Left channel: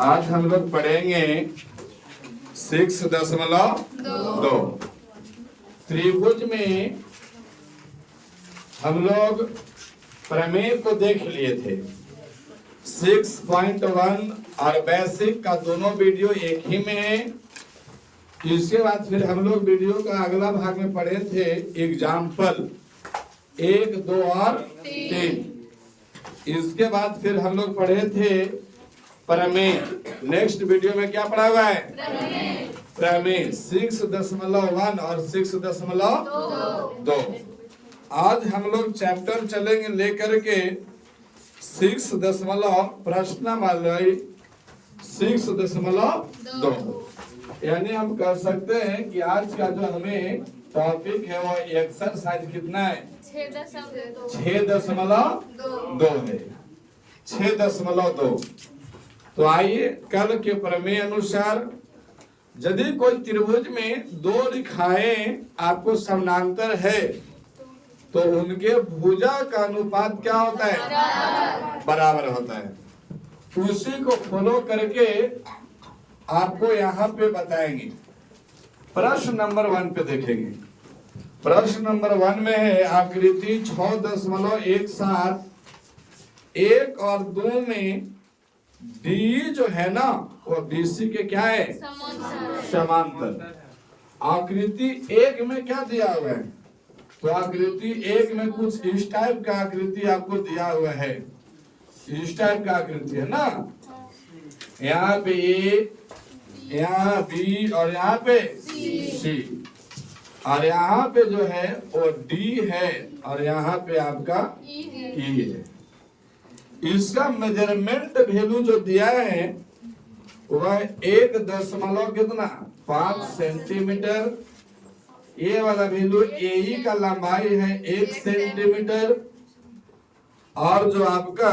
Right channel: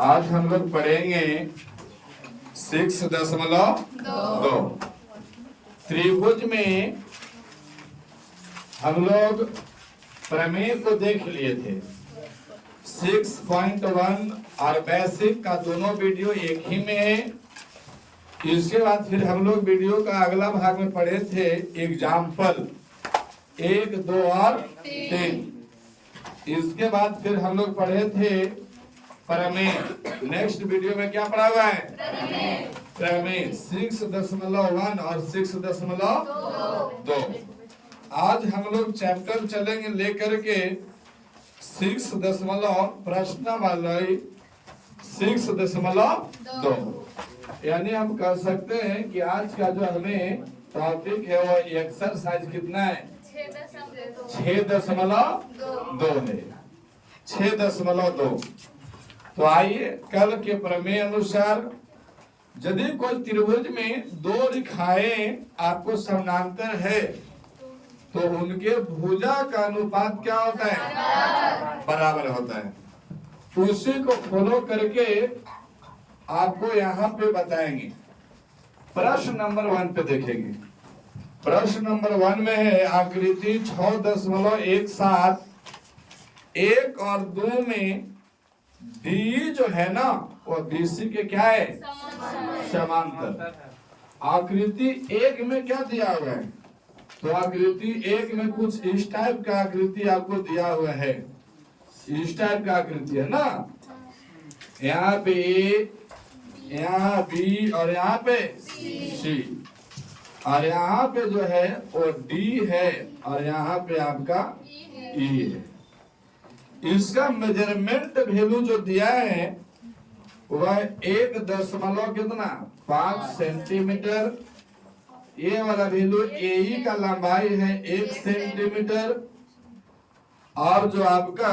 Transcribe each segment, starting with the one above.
आज हम लोग पढ़ेंगे 6.2। त्रिभुज में हम लोग प्रमेय को देख लिए थे 6.1 और बेसिक का दोनों वीडियो एक ही में है। इसके बाद फिर हम लोग वीडियो का अगला भाग में पढ़े थे एग्जाम्पल 1, 2 और 3। इसके बाद फिर हम लोग पढ़े थे प्रमेय। नेक्स्ट वीडियो में क्या पढ़ा हुआ है? प्रमेय 6.1 और 6.2। आज हम लोग चैप्टर चलेंगे लेकर के 6.2। यानी हम कह सकते हैं कि आज का जो हमें टॉपिक है वो एक्सरसाइज कितना है? 6.2 है। 6.2। तो आइए कल के प्रमेय अनुसार यदि कोई त्रिभुज में दो रेखाएं आपको समानांतर है तो उनके भुजा का अनुपात क्या होता है? बराबर होता है। उसी को फॉलो करके आपको यहाँ पे बताएंगे। प्रश्न नंबर 1 पे देखेंगे। प्रश्न नंबर 1 में है आकृति 6.17 1 और 2 में डी जो है ना वो बीसी के क्या है? समांतर। आकृति 1 में क्या दिया हुआ है? तो आकृति 1 में कुछ इस टाइप का आकृति आपको दिया हुआ है। इस टाइप का आकृति है ना, यहाँ पे ए, यहाँ बी और यहाँ पे सी, और यहाँ पे जो है वो डी है और यहाँ पे आपका ई है। इसका मेजरमेंट वैल्यू जो दिया है वह 1.5 सेंटीमीटर। ये वाला वैल्यू ए का लंबाई है 1 सेंटीमीटर और जो आपका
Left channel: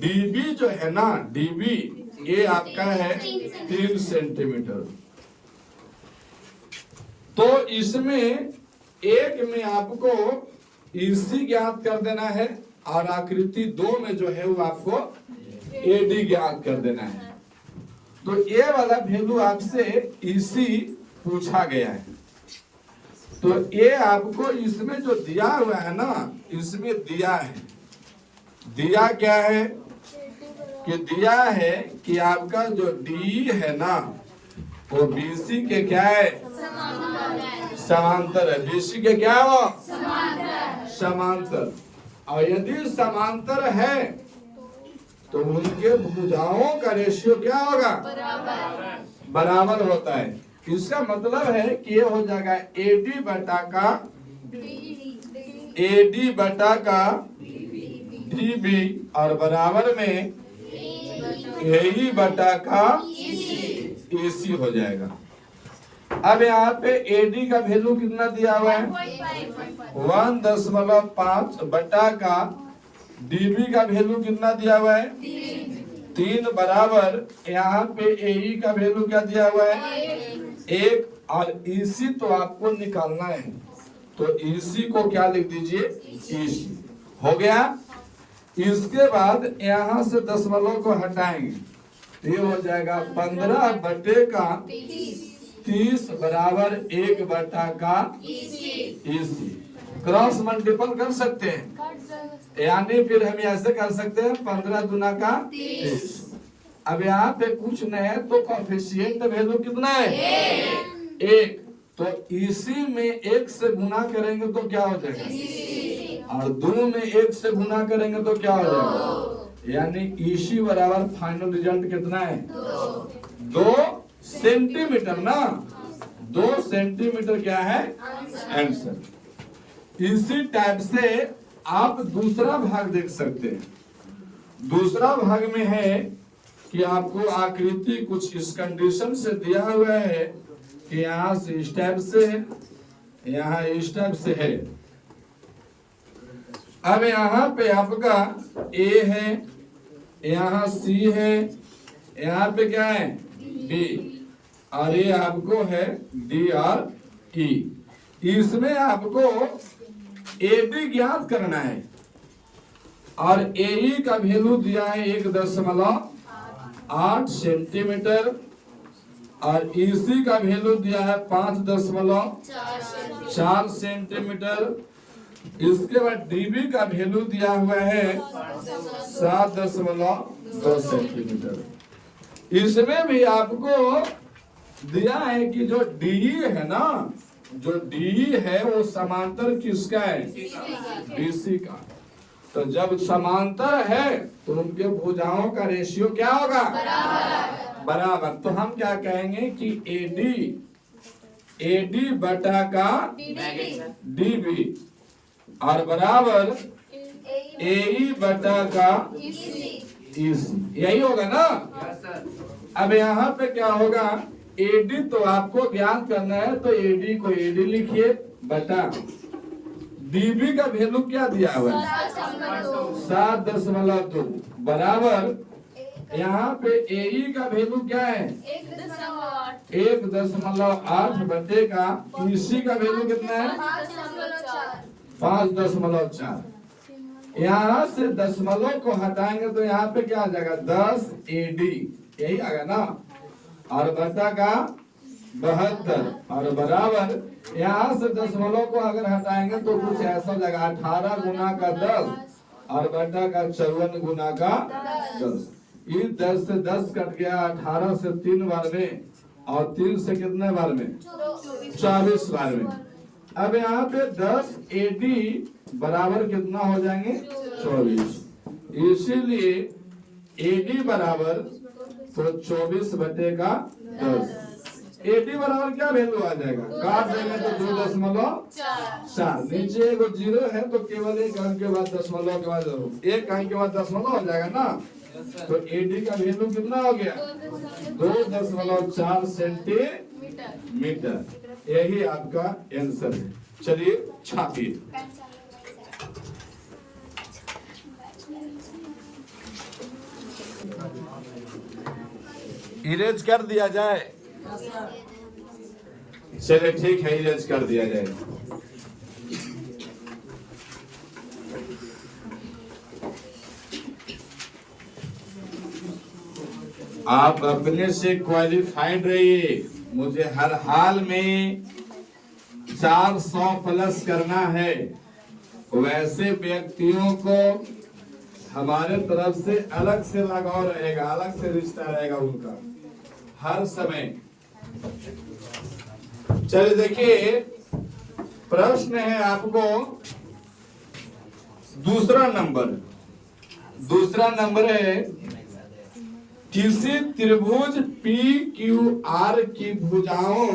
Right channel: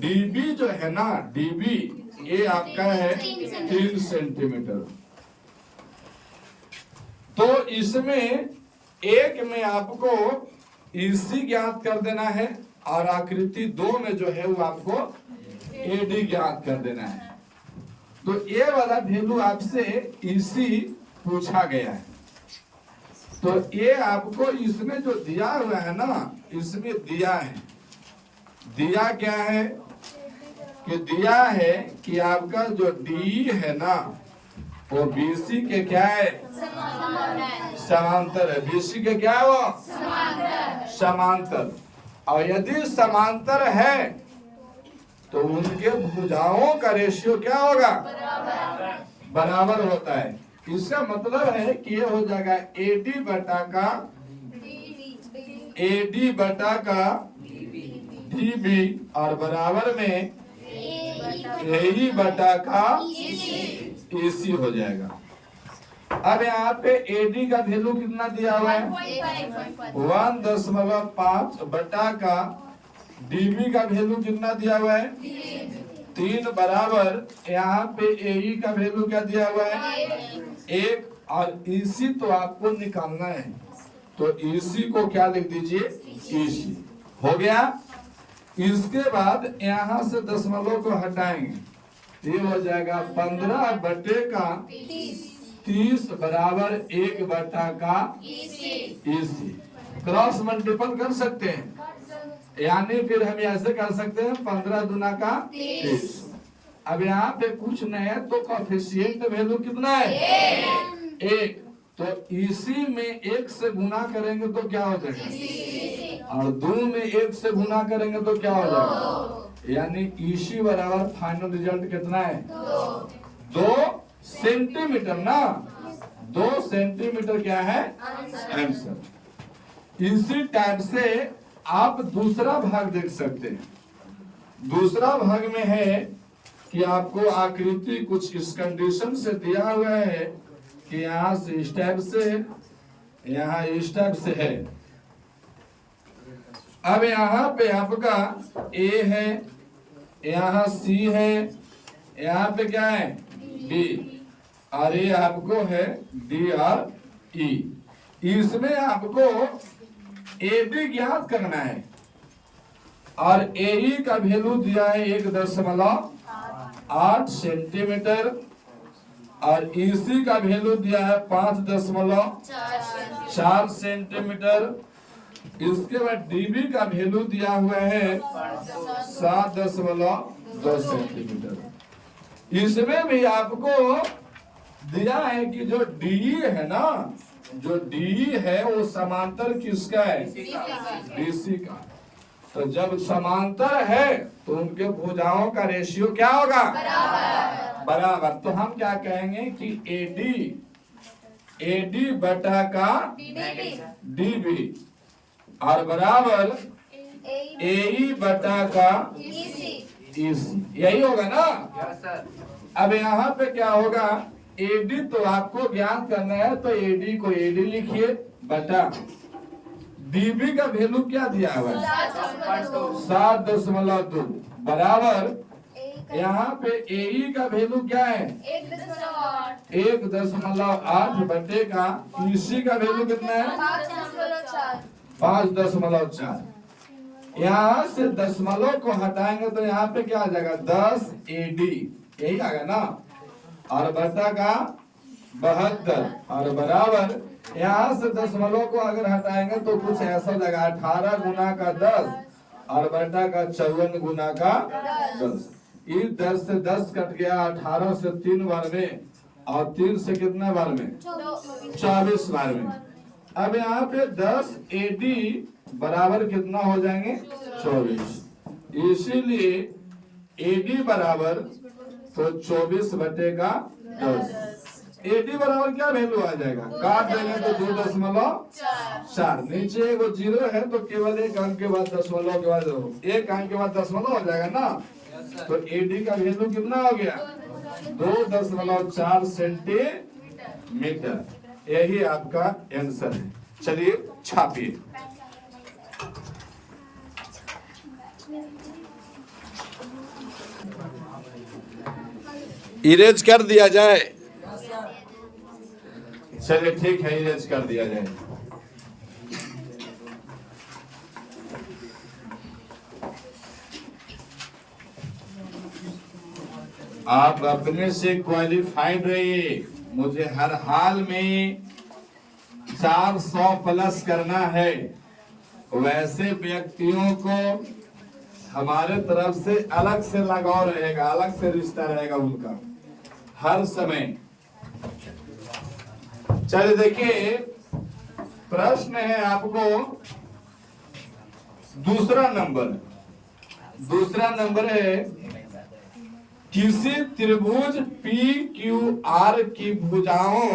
डीबी जो है ना डीबी ये आपका है 3 सेंटीमीटर। तो इसमें एक में आपको ईसी ज्ञात कर देना है और आकृति 2 में जो है वो आपको एडी ज्ञात कर देना है। तो ये वाला वैल्यू आपसे ईसी पूछा गया है। तो ये आपको इसमें जो दिया हुआ है ना, इसमें दिया है, दिया क्या है कि दिया है कि आपका जो डी है ना वो बीसी के क्या है? समांतर है। बीसी के क्या है वो? समांतर। और यदि समांतर है तो उनके भुजाओं का रेशियो क्या होगा? बराबर होता है। इसका मतलब है कि ये हो जाएगा एडी बटा का डीबी और बराबर में एई बटा का एसी हो जाएगा। अब यहाँ पे एडी का वैल्यू कितना दिया हुआ है? 1.5 बटा का डीबी का वैल्यू कितना दिया हुआ है? 3 बराबर यहाँ पे एई का वैल्यू क्या दिया हुआ है? 1 और ईसी तो आपको निकालना है। तो ईसी को क्या लिख दीजिए? ईसी हो गया। इसके बाद यहाँ से दशमलव को हटाएंगे, ये हो जाएगा 15 बटे का 30 बराबर 1 बटा का ईसी। क्रॉस मल्टीपल कर सकते हैं, यानी फिर हम ऐसे कर सकते हैं 15 दूना का 30। अब यहाँ पे कुछ नहीं है तो कोएफिशिएंट वैल्यू कितना है? 1। तो ईसी में 1 से गुना करेंगे तो क्या हो जाएगा? और 2 में 1 से गुना करेंगे तो क्या हो जाएगा? यानी ईसी बराबर फाइनल रिजल्ट कितना है? 2 सेंटीमीटर ना। 2 सेंटीमीटर क्या है आंसर। इसी टाइप से आप दूसरा भाग देख सकते हैं। दूसरा भाग में है कि आपको आकृति कुछ इस कंडीशन से दिया हुआ है कि यहाँ से इस टाइप से, यहाँ इस टाइप से है। अब यहाँ पे आपका ए है, यहाँ सी है, यहाँ पे क्या है? बी, और ये आपको है डी और ई। इसमें आपको एडी ज्ञात करना है और एई का वैल्यू दिया है 1.5 8 सेंटीमीटर और इसी का वैल्यू दिया है 5.4 सेंटीमीटर। इसके बाद डीबी का वैल्यू दिया हुआ है 7.2 सेंटीमीटर। इसमें भी आपको दिया है कि जो डी है ना, जो डी है वो समांतर किसका है? बीसी का। तो जब समांतर है तो उनके भुजाओं का रेशियो क्या होगा? बराबर। तो हम क्या कहेंगे कि एडी बटा का डीबी और बराबर एई बटा का ईसी, यही होगा ना। अब यहाँ पे क्या होगा? एडी तो आपको ज्ञात करना है, तो एडी को एडी लिखिए बटा डीबी का वैल्यू क्या दिया हुआ है? 7.2 बराबर यहाँ पे एई का वैल्यू क्या है? 1.8 बटे का ईसी का वैल्यू कितना है? 5.4। यहाँ से दशमलव को हटाएंगे तो यहाँ पे क्या आ जाएगा? 10 एडी, यही आएगा ना। और बटा का 72 और बराबर यहाँ से दशमलव को अगर हटाएंगे तो कुछ ऐसा लगा 18 गुना का 10 और बटा का 54 गुना का 10। ये 10 से 10 कट गया, 18 से 3 बार में और 3 से कितने बार में? 24 बार में। अब यहाँ पे 10 एडी बराबर कितना हो जाएंगे? 24। इसीलिए एडी बराबर तो 24 बटे का 10। एडी बराबर क्या वैल्यू आ जाएगा? काट देंगे तो 2.4। नीचे एगो जीरो है तो केवल एक अंक के बाद दशमलव के बाद एक अंक के बाद दशमलव हो जाएगा ना। तो एडी का वैल्यू कितना हो गया? 2.4 सेंटीमीटर। यही आपका आंसर है। चलिए छापिए। इरेज कर दिया जाए? चलिए ठीक है, इरेज कर दिया जाए। आप अपने से क्वालिफाइड रहिए। मुझे हर हाल में 400 प्लस करना है। वैसे व्यक्तियों को हमारे तरफ से अलग से लगाव रहेगा, अलग से रिश्ता रहेगा उनका हर समय। चलिए देखिए, प्रश्न है आपको दूसरा नंबर है किसी त्रिभुज पी क्यू आर की भुजाओं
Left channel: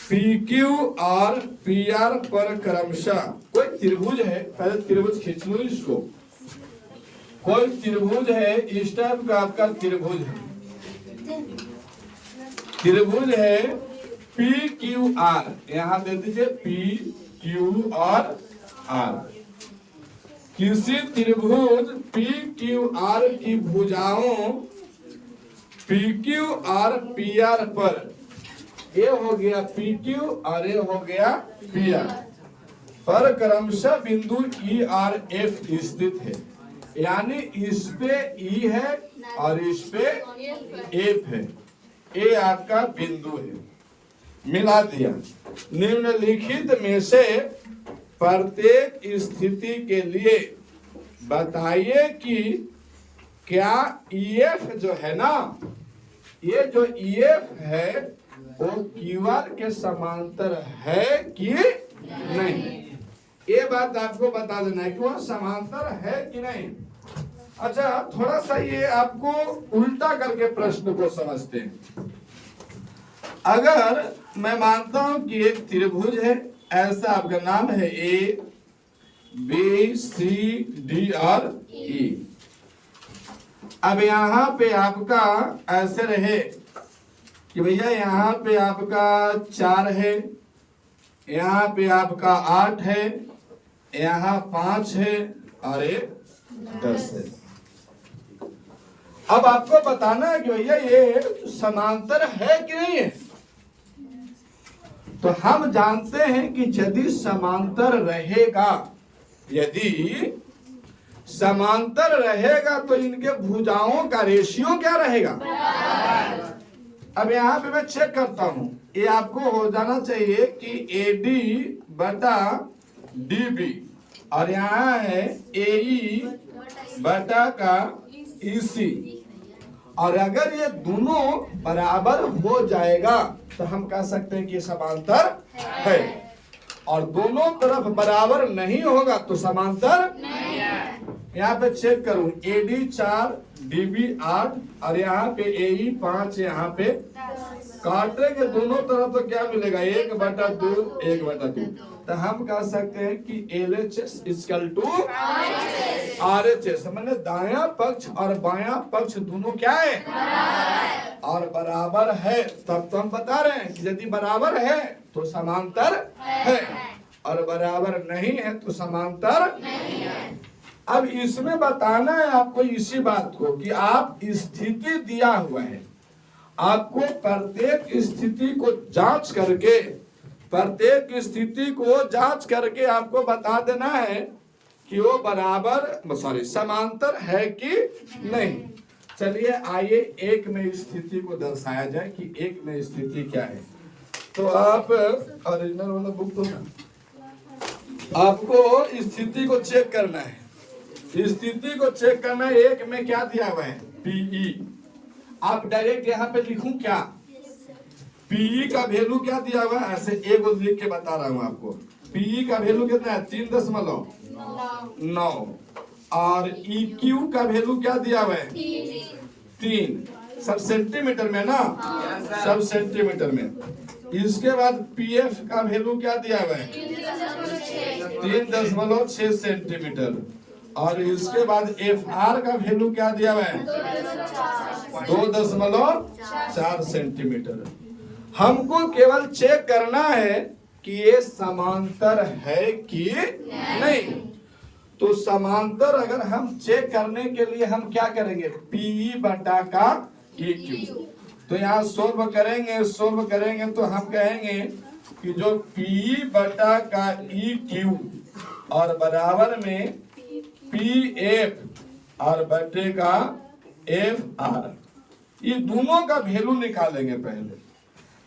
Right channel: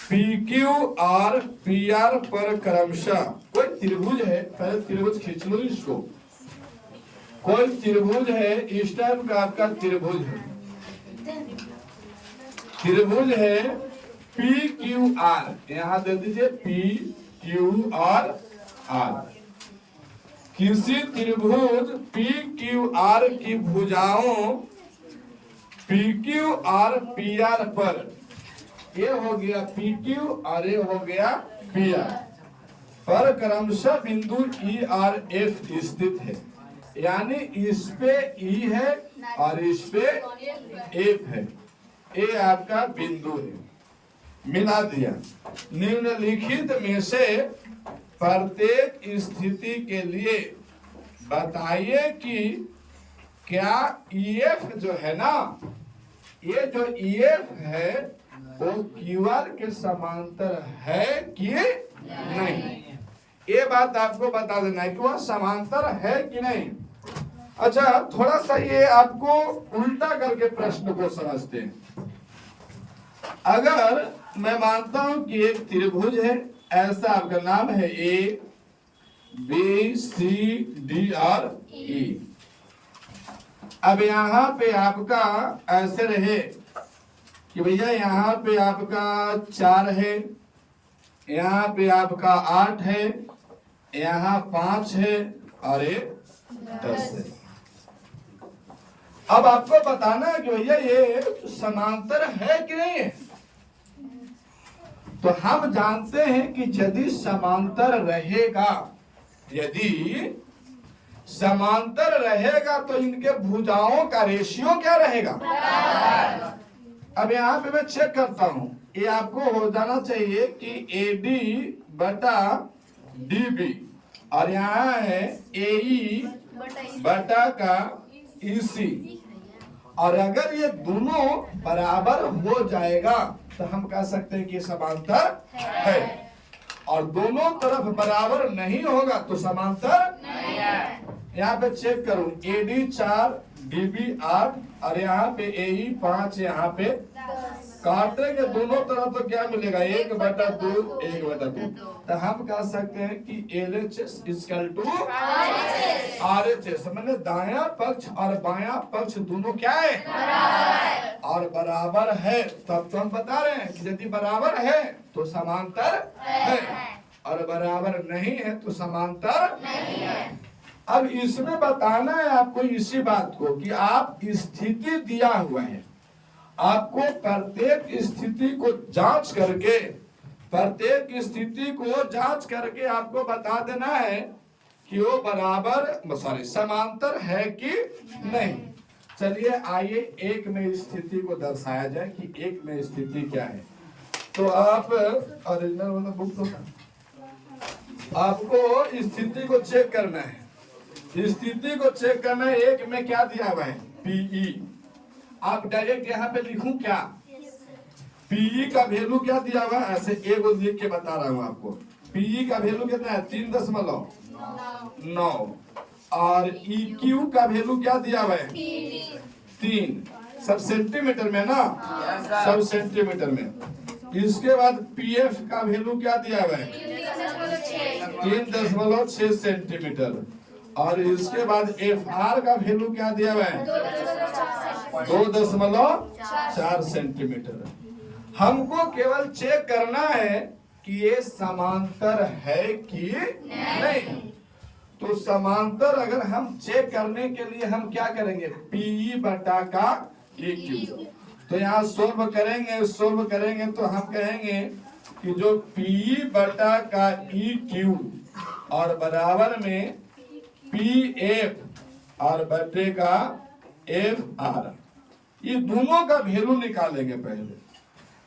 पी क्यू और पी आर पर क्रमशः कोई त्रिभुज है। पहले त्रिभुज खींच लो इसको। कोई त्रिभुज है, इस टाइप का आपका त्रिभुज है। त्रिभुज है पी क्यू आर, यहां दे दीजिए पी क्यू और आर। किसी त्रिभुज पी क्यू आर की भुजाओं पी क्यू और पी आर पर, ये हो गया पी क्यू और ये हो गया पी आर पर क्रमशः बिंदु ई आर एफ स्थित है। यानी इस पे ई है और इस पे एफ है। ये आपका बिंदु है। मिला दिया। निम्नलिखित में से प्रत्येक स्थिति के लिए बताइए कि क्या ईएफ जो है ना, ये जो ईएफ है वो क्यूआर के समांतर है कि नहीं। ये बात आपको बता देना है कि वह समांतर है कि नहीं। अच्छा, थोड़ा सा ये आपको उल्टा करके प्रश्न को समझते हैं। अगर मैं मानता हूं कि एक त्रिभुज है, ऐसा आपका नाम है ए बी सी डी और ई। अब यहाँ पे आपका ऐसे रहे कि भैया यहाँ पे आपका 4 है, यहाँ पे आपका 8 है, यहाँ 5 है और ये 10 है। अब आपको बताना है कि भैया ये समांतर है कि नहीं है। तो हम जानते हैं कि यदि समांतर रहेगा, यदि समांतर रहेगा तो इनके भुजाओं का रेशियो क्या रहेगा। अब यहाँ पे मैं चेक करता हूं, ये आपको हो जाना चाहिए कि AD बटा DB और यहाँ है AE बटा का EC, और अगर ये दोनों बराबर हो जाएगा तो हम कह सकते हैं कि समांतर है, और दोनों तरफ बराबर नहीं होगा तो समांतर नहीं है। यहाँ पे चेक करूं, AD 4 DB 8 और यहाँ पे AE 5, यहाँ पे काटने के दोनों तरफ तो क्या मिलेगा 1/2 1/2, तो हम कह सकते हैं कि LHS इक्वल टू RHS, मैंने दायां पक्ष और बायां पक्ष दोनों क्या है और बराबर है। तब तो हम बता रहे हैं यदि बराबर है तो समांतर है और बराबर नहीं है तो समांतर नहीं है। अब इसमें बताना है आपको इसी बात को कि आप स्थिति दिया हुआ है, आपको प्रत्येक स्थिति को जांच करके आपको बता देना है कि वो बराबर समांतर है कि नहीं। चलिए आइए एक में स्थिति को दर्शाया जाए कि एक में स्थिति क्या है। तो आप ओरिजिनल वाला बुक तो आपको स्थिति को चेक करना है, स्थिति को चेक करना है। एक में क्या दिया हुआ है PE, आप डायरेक्ट यहाँ पे लिखूं क्या, PE का वैल्यू क्या दिया हुआ है, ऐसे एक लिख के बता रहा हूँ आपको। PE का वैल्यू कितना है 3.9 और EQ का वैल्यू क्या दिया हुआ है 3, सब सेंटीमीटर में ना, सब सेंटीमीटर में। इसके बाद PF का वैल्यू क्या दिया हुआ है 3.6 सेंटीमीटर और इसके बाद FR का वैल्यू क्या दिया हुआ है 2.4 सेंटीमीटर। हमको केवल चेक करना है कि ये समांतर है कि नहीं। तो समांतर अगर हम चेक करने के लिए हम क्या करेंगे PE बटा का EQ, तो यहाँ सोल्व करेंगे तो हम कहेंगे कि जो PE बटा का EQ और बराबर में PF और बटे का FR, ये दोनों का वैल्यू निकालेंगे पहले,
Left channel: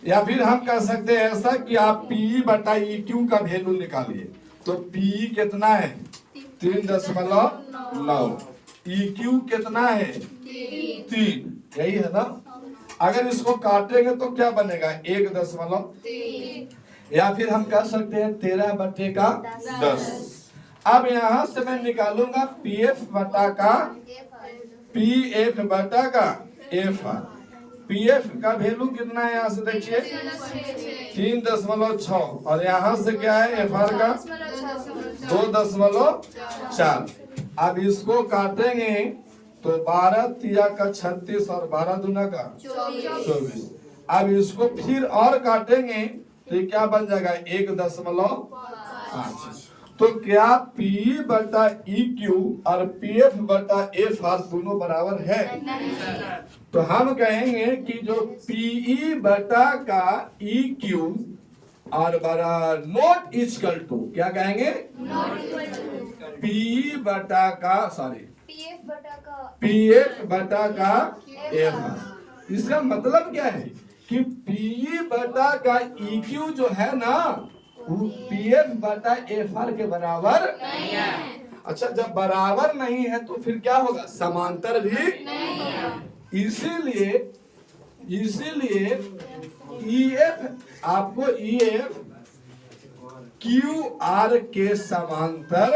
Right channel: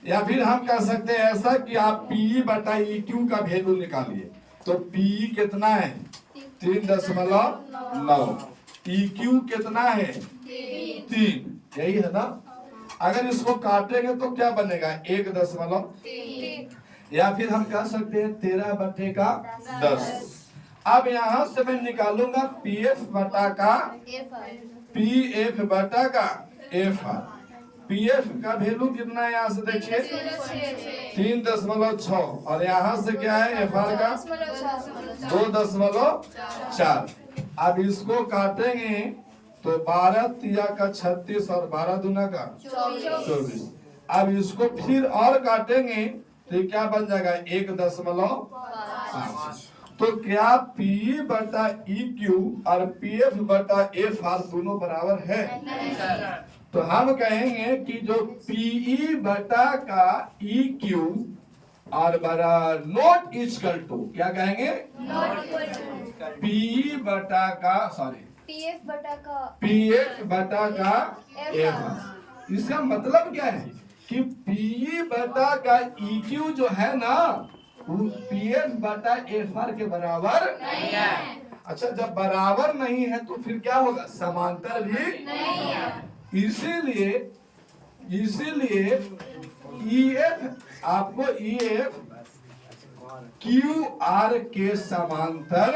या फिर हम कह सकते हैं ऐसा कि आप PE बटा EQ का वैल्यू निकालिए। तो PE कितना है 3.9, EQ कितना है 3, यही है ना। अगर इसको काटेंगे तो क्या बनेगा 1.3, या फिर हम कह सकते हैं 13 बटे का 10। अब यहाँ से मैं निकालूंगा PF बटा का FR। PF का वैल्यू कितना है यहाँ से देखिए 3.6 और यहाँ से क्या है FR का 2.4। अब इसको काटेंगे तो 12 तिया का 36 और 12 दूना का 24। अब इसको फिर और काटेंगे तो क्या बन जाएगा 1.5। तो क्या PE बटा EQ और PF बटा FR दोनों बराबर है? तो हम कहेंगे कि जो PE बटा का EQ और बराबर नॉट इक्वल टू, क्या कहेंगे PE बटा का PF बटा का FR। इसका मतलब क्या है कि PE बटा का EQ जो है ना वो PF बटा FR के बराबर नहीं है। अच्छा, जब बराबर नहीं है तो फिर क्या होगा समांतर भी नहीं है। इसीलिए EF आपको EF QR के समांतर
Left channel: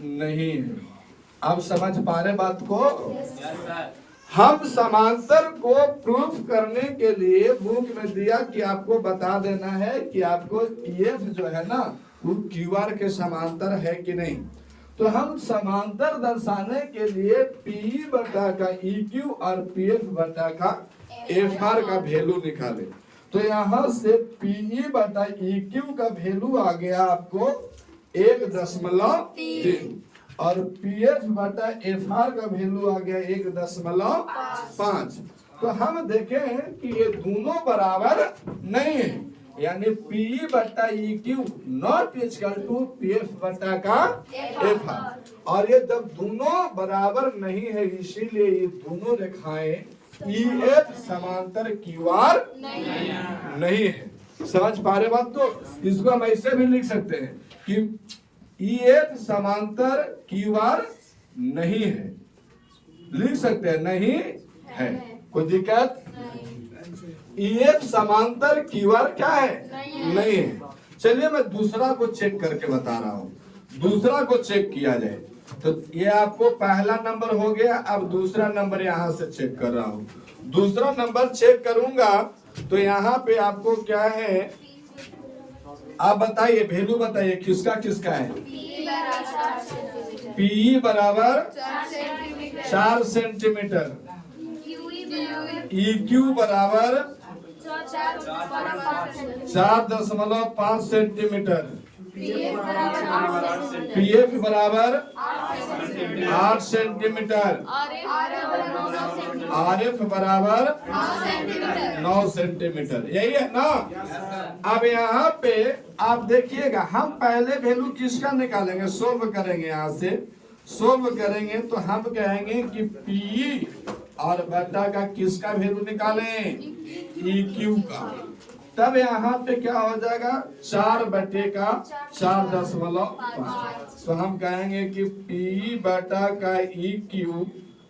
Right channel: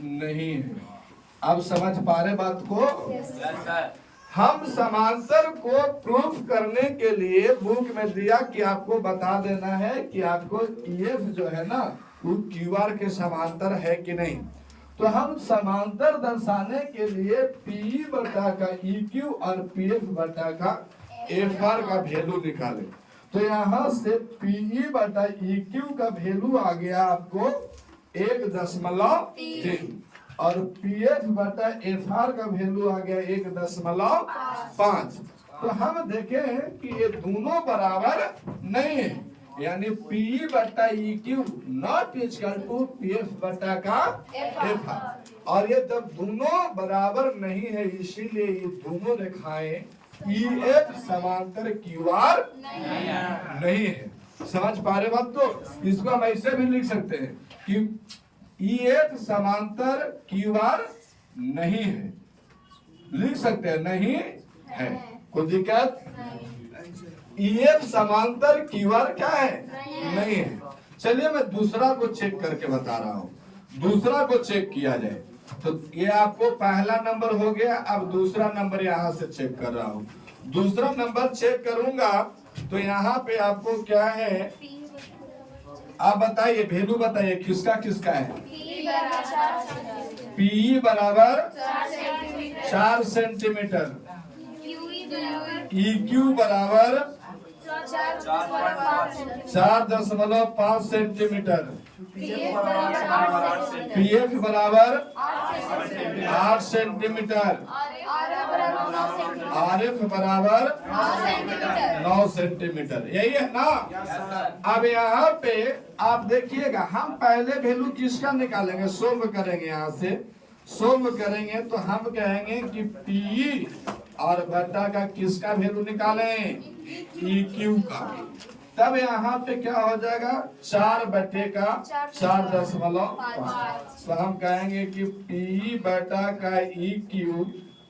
नहीं है। अब समझ पा रहे बात को? हम समांतर को प्रूफ करने के लिए बुक में दिया कि आपको बता देना है कि आपको EF जो है ना वो QR के समांतर है कि नहीं। तो हम समांतर दर्शाने के लिए PE बटा का EQ और PF बटा का FR का वैल्यू निकाले। तो यहाँ से PE बटा EQ का वैल्यू आ गया आपको 1.3 और PF बटा FR का वैल्यू आ गया 1.5। तो हम देखें कि ये दोनों बराबर नहीं है, यानी पी बटा e q not equal to p f बटा का एफ आर। और ये जब दोनों बराबर नहीं है इसीलिए ये दोनों रेखाएं ई एफ समांतर क्यू आर नहीं है। समझ पा रहे बात को? इसको हम ऐसे भी लिख सकते हैं कि ई एफ समांतर क्यू आर नहीं है, लिख सकते हैं नहीं है, कोई दिक्कत? ईएफ समांतर क्यू आर क्या है? नहीं है। चलिए मैं दूसरा को चेक करके बता रहा हूँ, दूसरा को चेक किया जाए तो ये आपको पहला नंबर हो गया। अब दूसरा नंबर यहाँ से चेक कर रहा हूँ। दूसरा नंबर चेक करूंगा तो यहाँ पे आपको क्या है, आप बताइए, वैल्यू बताइए किसका किसका है? पी बराबर 4 सेंटीमीटर, ई क्यू बराबर 4.5 सेंटीमीटर, पी एफ बराबर 8 सेंटीमीटर, आर एफ बराबर 9 सेंटीमीटर। यही है ना? अब यहाँ पे आप देखिएगा, हम पहले वैल्यू किसका निकालेंगे, सोल्व करेंगे। यहाँ से सोल्व करेंगे तो हम कहेंगे कि पी और बटा का किसका वैल्यू निकालें? ई क्यू का। तब यहाँ पे क्या हो जाएगा? 4 बटे का 4.5। तो हम कहेंगे कि पी बटा का ई क्यू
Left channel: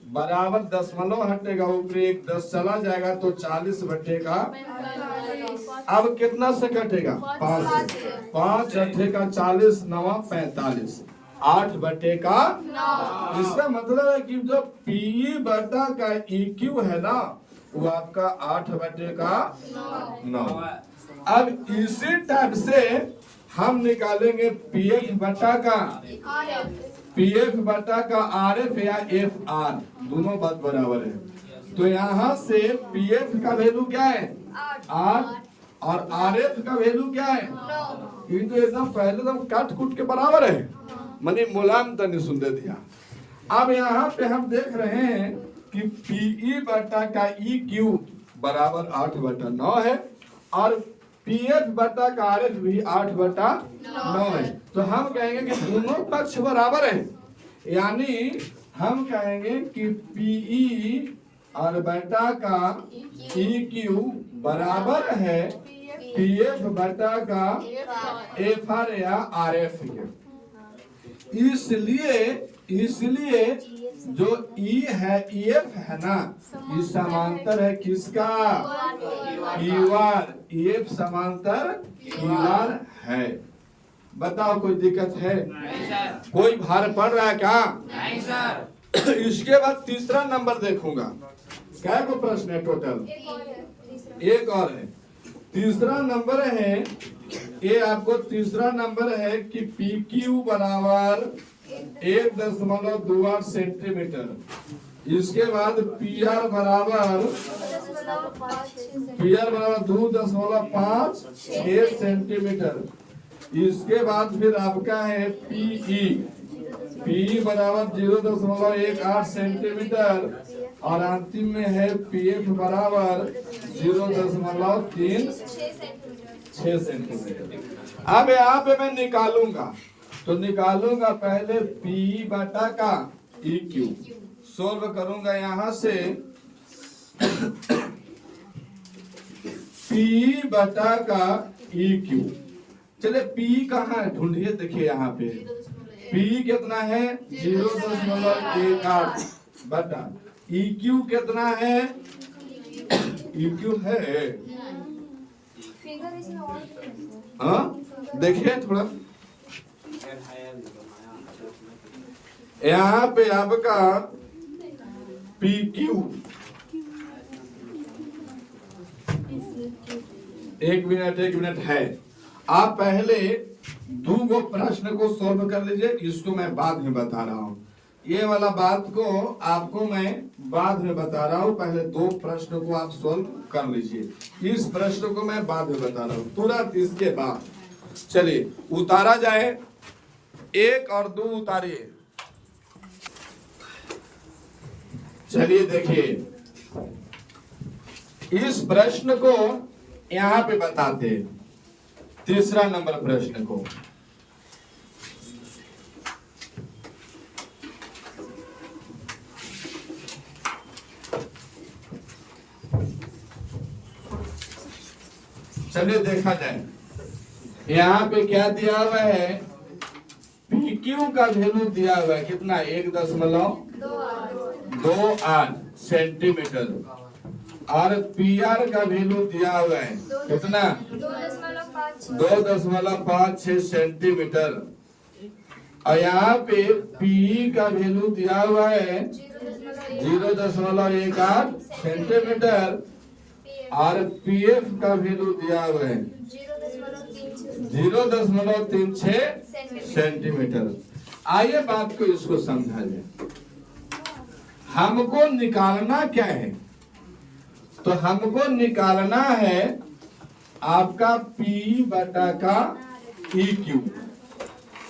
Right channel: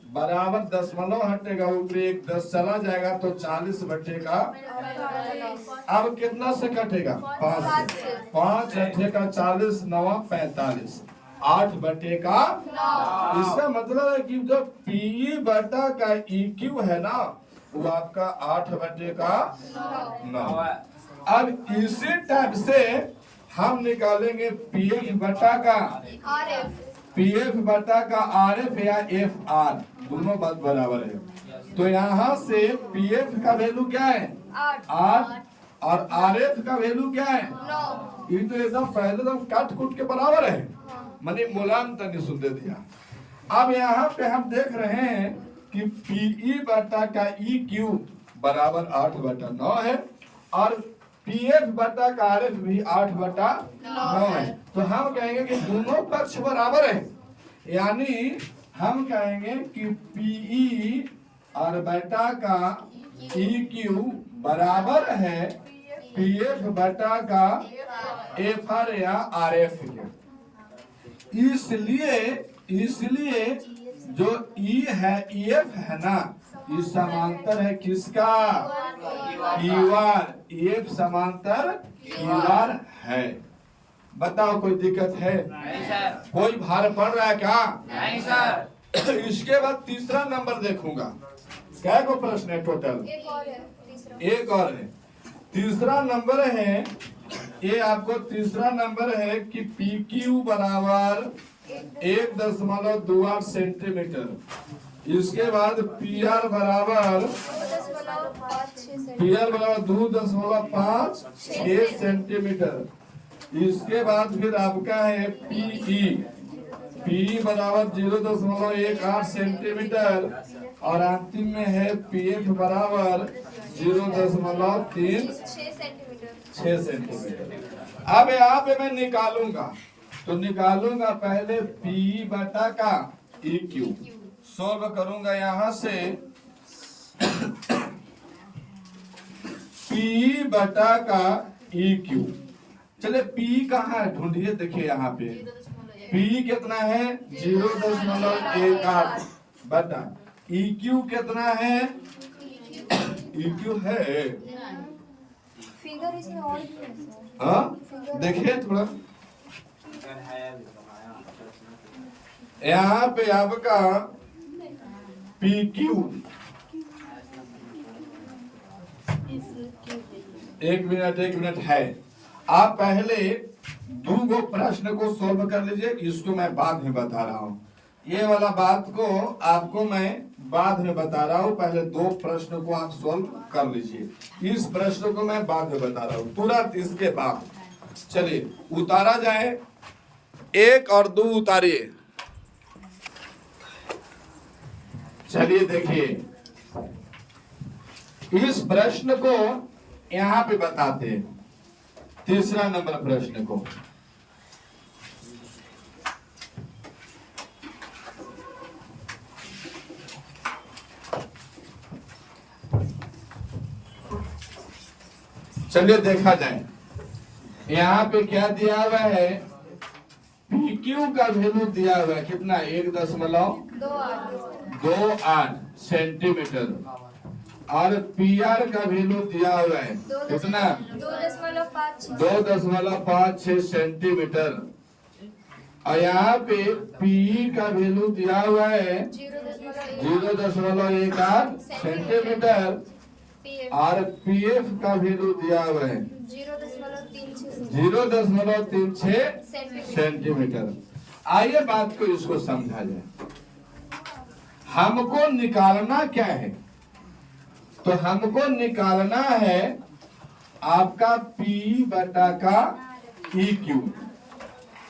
बराबर दशमलव हटेगा, ऊपर एक 10 चला जाएगा तो 40 बटे का, अब कितना से कटेगा? 5 से। 5 अठे का 40, 9 45, 8 बटे का 9। इसका मतलब है कि जो पी बटा का ई क्यू है ना, वो आपका 8 बटे का 9। अब इसी टाइप से हम निकालेंगे पी एफ बटा का, पी एफ बटा का आर एफ या एफ आर, दोनों बात बराबर है। तो यहाँ से पी एफ का वैल्यू क्या है? 8 और आर एफ का वैल्यू क्या है? 9। ये तो एकदम पहले एकदम काट कूट के बराबर है, मनी मुलायम तो नहीं सुन देती। अब यहाँ पे हम देख रहे हैं कि पीई बटा का ई क्यू बराबर 8 बटा 9 है और पी एफ बटा का आर एफ भी 8 बटा 9 है। तो हम कहेंगे कि दोनों पक्ष बराबर है, यानी हम कहेंगे कि पीई और बटा का ई क्यू बराबर है पी एफ बटा का एफ आर या आर एफ के। इसलिए जो ई है, ई एफ है ना, ये समांतर है किसका? Q R. ई एफ समांतर क्यू आर है। बताओ कोई दिक्कत है? नहीं सर। कोई भार पड़ रहा है क्या? नहीं सर। इसके बाद तीसरा नंबर देखूंगा। क्या को प्रश्न है टोटल? एक और है। तीसरा नंबर है, ये आपको तीसरा नंबर है कि पी क्यू बराबर 1.28 सेंटीमीटर। इसके बाद पी आर बराबर 2.56 सेंटीमीटर। इसके बाद फिर आपका है पी बराबर 0.18 सेंटीमीटर और अंतिम में है पी एफ बराबर 0.36 सेंटीमीटर। अब यहाँ पे मैं निकालूंगा, तो निकालूंगा पहले पी बटा का ई क्यू, सोल्व करूंगा यहाँ से पी बटा का ई क्यू। चले पी कहाँ है ढूंढिए, देखिए यहाँ पे पी कितना है? 0.18 बटा ई क्यू कितना है? ई क्यू है, हाँ देखिए थोड़ा यहाँ पे आपका पी क्यू, एक मिनट है। आप पहले दो प्रश्न को सॉल्व कर लीजिए, इसको मैं बाद में बता रहा हूँ। ये वाला बात को आपको मैं बाद में बता रहा हूँ, पहले 2 प्रश्न को आप सॉल्व कर लीजिए। इस प्रश्न को मैं बाद में बता रहा हूँ, तुरंत इसके बाद। चलिए उतारा जाए, 1 और 2 उतारिए। चलिए देखिए, इस प्रश्न को यहाँ पे बताते हैं। तीसरा नंबर प्रश्न को। चलिए देखा जाए, यहाँ पे क्या दिया हुआ है, PQ का वैल्यू दिया हुआ है कितना, 1.28 सेंटीमीटर, और PR का वैल्यू दिया हुआ है कितना, 2.56 सेंटीमीटर, और यहाँ पे PE का वैल्यू दिया हुआ है 0.18 सेंटीमीटर, और PF का वैल्यू दिया हुआ है 0.36 सेंटीमीटर। आइए बात को इसको समझा जाए। हमको निकालना क्या है, तो हमको निकालना है आपका PE बटा का EQ,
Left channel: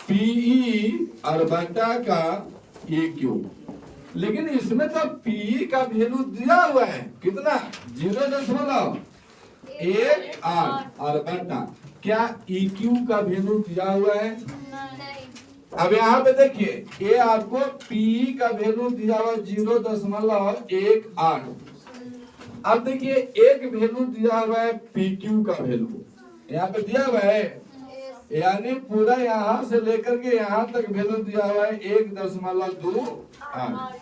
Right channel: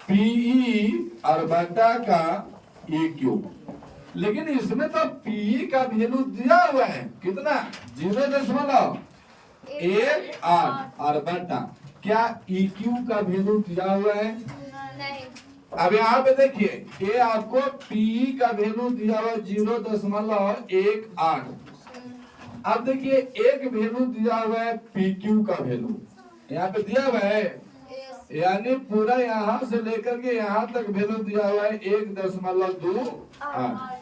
PE और बटा का EQ। लेकिन इसमें तो PE का वैल्यू दिया हुआ है कितना, 0.18, और बटा क्या EQ का वैल्यू दिया हुआ है। अब यहाँ पे देखिए, ये आपको PE का वैल्यू दिया हुआ 0.18। अब देखिए एक वैल्यू दिया हुआ है PQ का वैल्यू, यहाँ पे दिया हुआ है, यानी पूरा यहाँ से लेकर के यहाँ तक वैल्यू दिया हुआ है 1.28।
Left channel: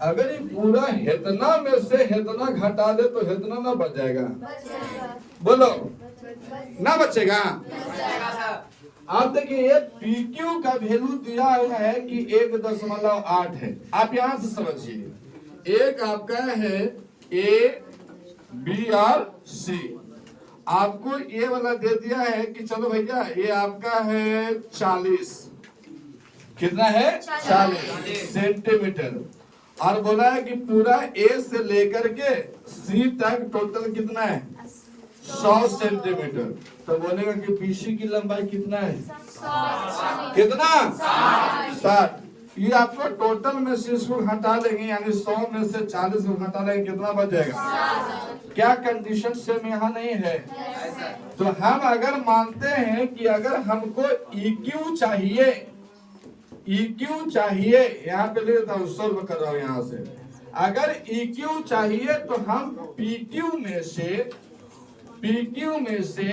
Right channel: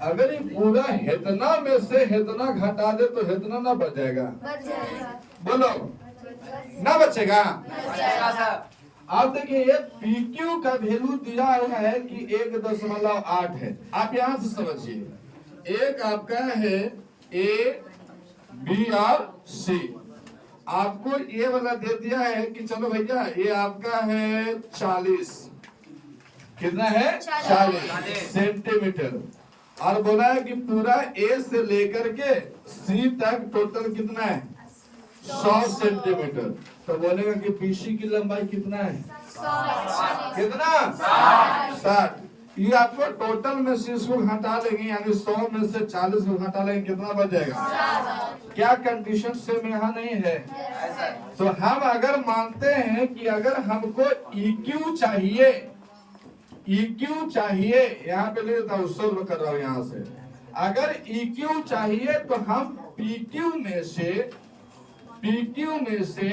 अगर ये पूरा हेतना में से हेतना घटा दे तो हेतना ना बचेगा, बोलो ना बचेगा। अब देखिए ये PQ का वैल्यू दिया हुआ है कि 1.8 है। आप यहाँ से समझिए, एक आपका है A, B और C, आपको ये वाला दे दिया है कि चलो भैया ये आपका है 40, कितना है 40 सेंटीमीटर, और बोला है कि पूरा A से लेकर के C तक टोटल कितना है 100 सेंटीमीटर। तो बोलेगा कि PC की लंबाई कितना है, कितना 60। ये आपको टोटल में से इसको घटा लेंगे, यानी 100 में से 40 को घटा लेंगे, कितना बच जाएगा। क्या कंडीशन सेम यहाँ नहीं है। तो हम अगर मानते हैं कि अगर हमको EQ चाहिए, यहाँ पे ले लेता हूँ, सॉल्व कर रहा हूँ यहाँ से। अगर EQ चाहिए तो हम PQ में से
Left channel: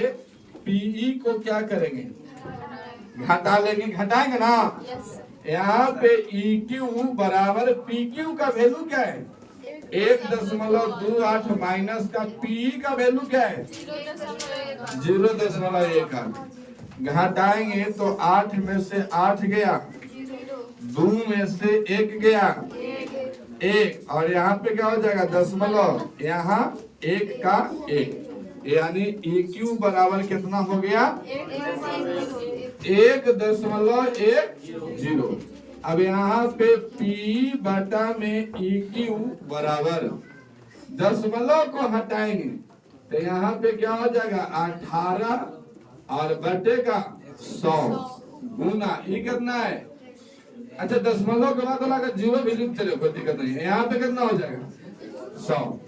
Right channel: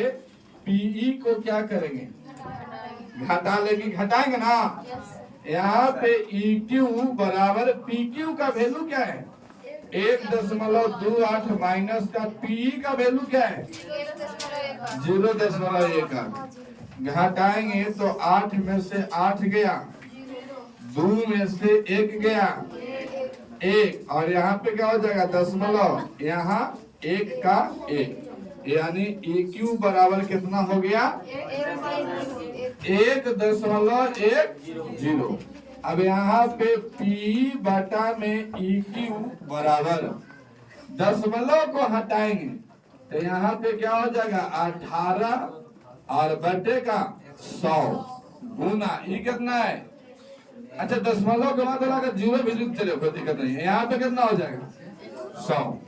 PE को क्या करेंगे, घटा लेंगे, घटाएंगे ना। यहाँ पे EQ बराबर PQ का वैल्यू क्या है 1.28 माइनस का PE का वैल्यू क्या है 0.18। घटाएंगे तो 8 में से 8 गया, 2 में से 1 गया 1, और यहाँ पे क्या हो जाएगा दशमलव, यहाँ 1 का 1, यानी EQ बराबर कितना हो गया 1.10। अब यहाँ पे PE बटा में EQ बराबर, दशमलव को हटाएंगे तो यहाँ पे क्या हो जाएगा 18 और बटे का 100 गुना E कितना है, अच्छा दशमलव के बाद लगा 0 भी लिख चले, कोई दिक्कत नहीं है। यहाँ पे कितना हो जाएगा 100,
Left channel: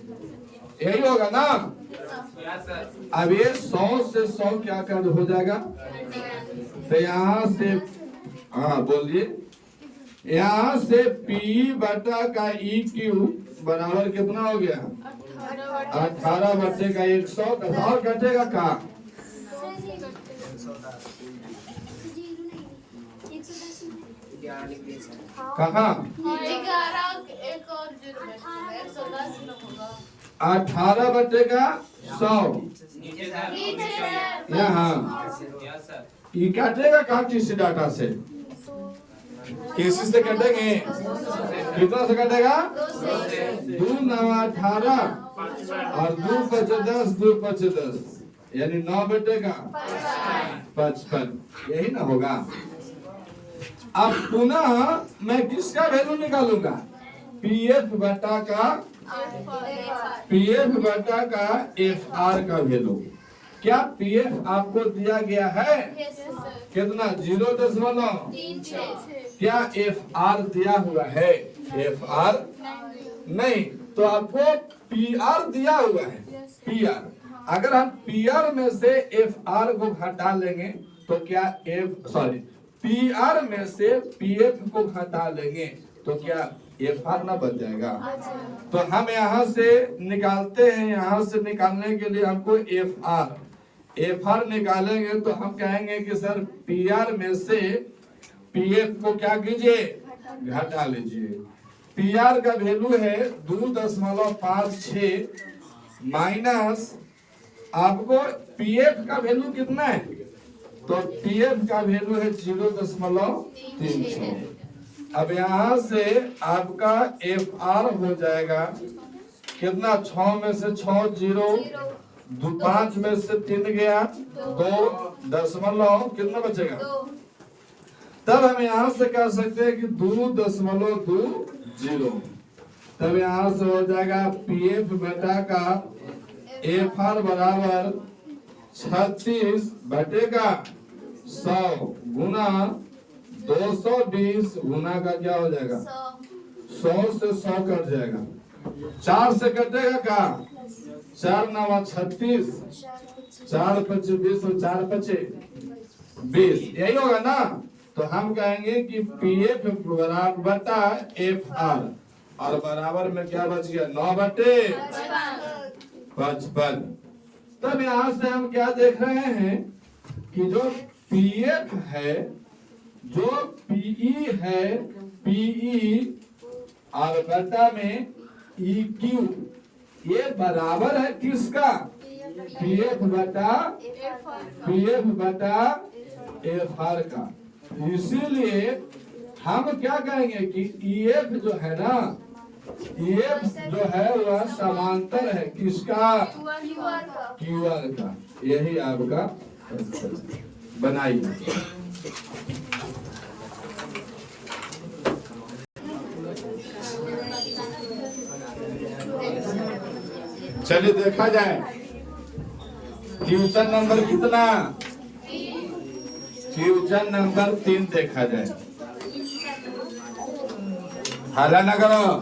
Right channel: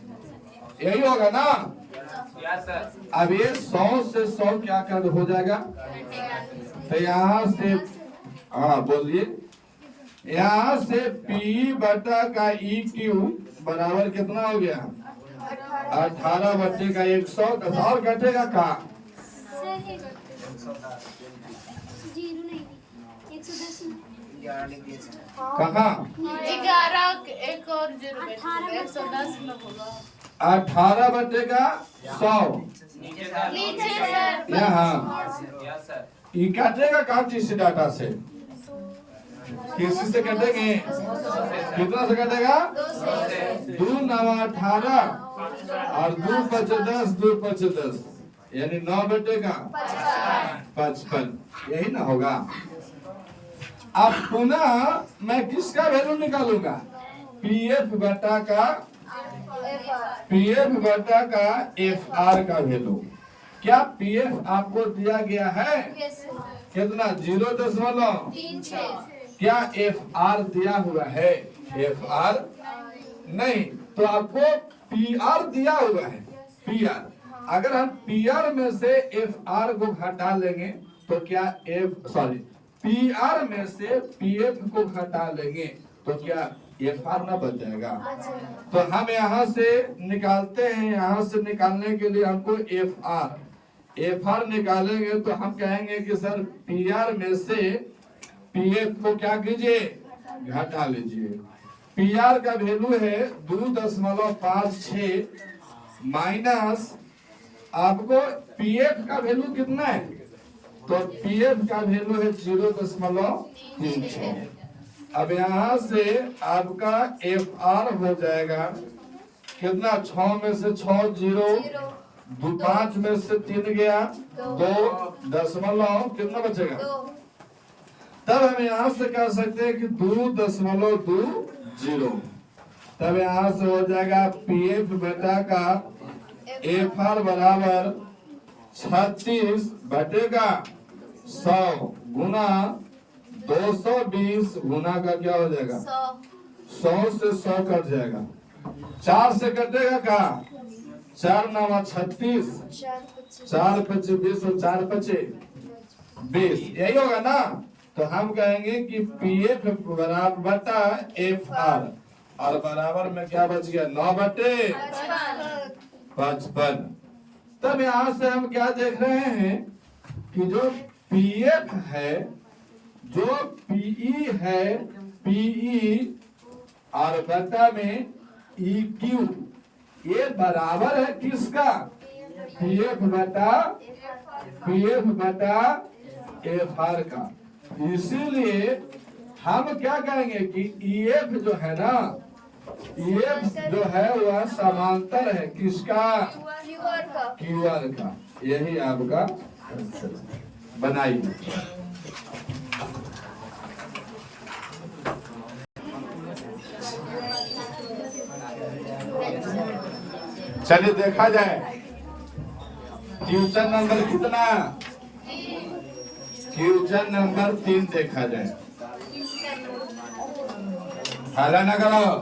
यही होगा ना। अब ये 100 से 100 क्या कर हो जाएगा, तो यहाँ से हाँ बोलिए, यहाँ से PE बटा का EQ बराबर कितना हो गया 18 बटे का 110, और घटेगा कहाँ, कहाँ 18 बटे का 100 यहाँ, ये काटेगा कहाँ, किसी डाटा से, किसी से कटेंगे, कितना से कटेगा 2 9 18 और 2 5 10, 2 5 10, यानी 9 बटे का 55, यही ना होगा। अब पुनः मैं किसका वैल्यू निकालूंगा, PF बटा का FR का वैल्यू। क्या PF आपको दिया गया है कितना 0.36, क्या FR दिया हुआ है, FR नहीं, तो आपको PR दिया हुआ है, PR अगर हम पी आर में से एफ आर को घटा लेंगे तो क्या पी आर में से पी एफ को घटा लेंगे तो क्या एफ आर ना बन जाएगा। तो हम यहाँ से निकालते हैं, यहाँ से निकालने के लिए हमको एफ आर निकालेंगे तो हम कहेंगे कि सर पी आर में से पी एफ को क्या कीजिए, घटा लीजिए। पी आर का वैल्यू है 2.56 माइनस आपको पी एफ का वैल्यू कितना है, तो पी एफ का वैल्यू है 0.36। अब यहाँ से आपका एफ आर हो जाएगा कितना, 6 में से 6 0, 5 में से 3 गया 2 दशमलव कितना बचेगा। तब हम यहाँ से कह सकते हैं कि 2.20। तब यहाँ से हो जाएगा पी एफ बेटा का एफ आर बराबर 36 बटेगा 100 गुना 220 गुना का क्या हो जाएगा 100 से 100 कट जाएगा, 4 से कटेगा का 4 9 36, 4 5 20 और 4 5 20, यही होगा ना। तो हम कहेंगे कि पी एफ बराबर बटा एफ आर और बराबर में क्या बच गया 9/55। तब यहाँ से हम क्या देख रहे हैं कि जो पी एफ है, जो पीई है, पीई और बटा में ई क्यू, ये बराबर है किसका, पीएफ बटा एफ आर का। इसीलिए हम क्या कहेंगे कि ईएफ जो है ना, ईएफ जो है वह समांतर है किसका, क्यूआर का। यही आपका बनाइए। चलिए देखा जाए क्वेश्चन नंबर कितना, क्वेश्चन नंबर 3 देखा जाए। हाला ना करो,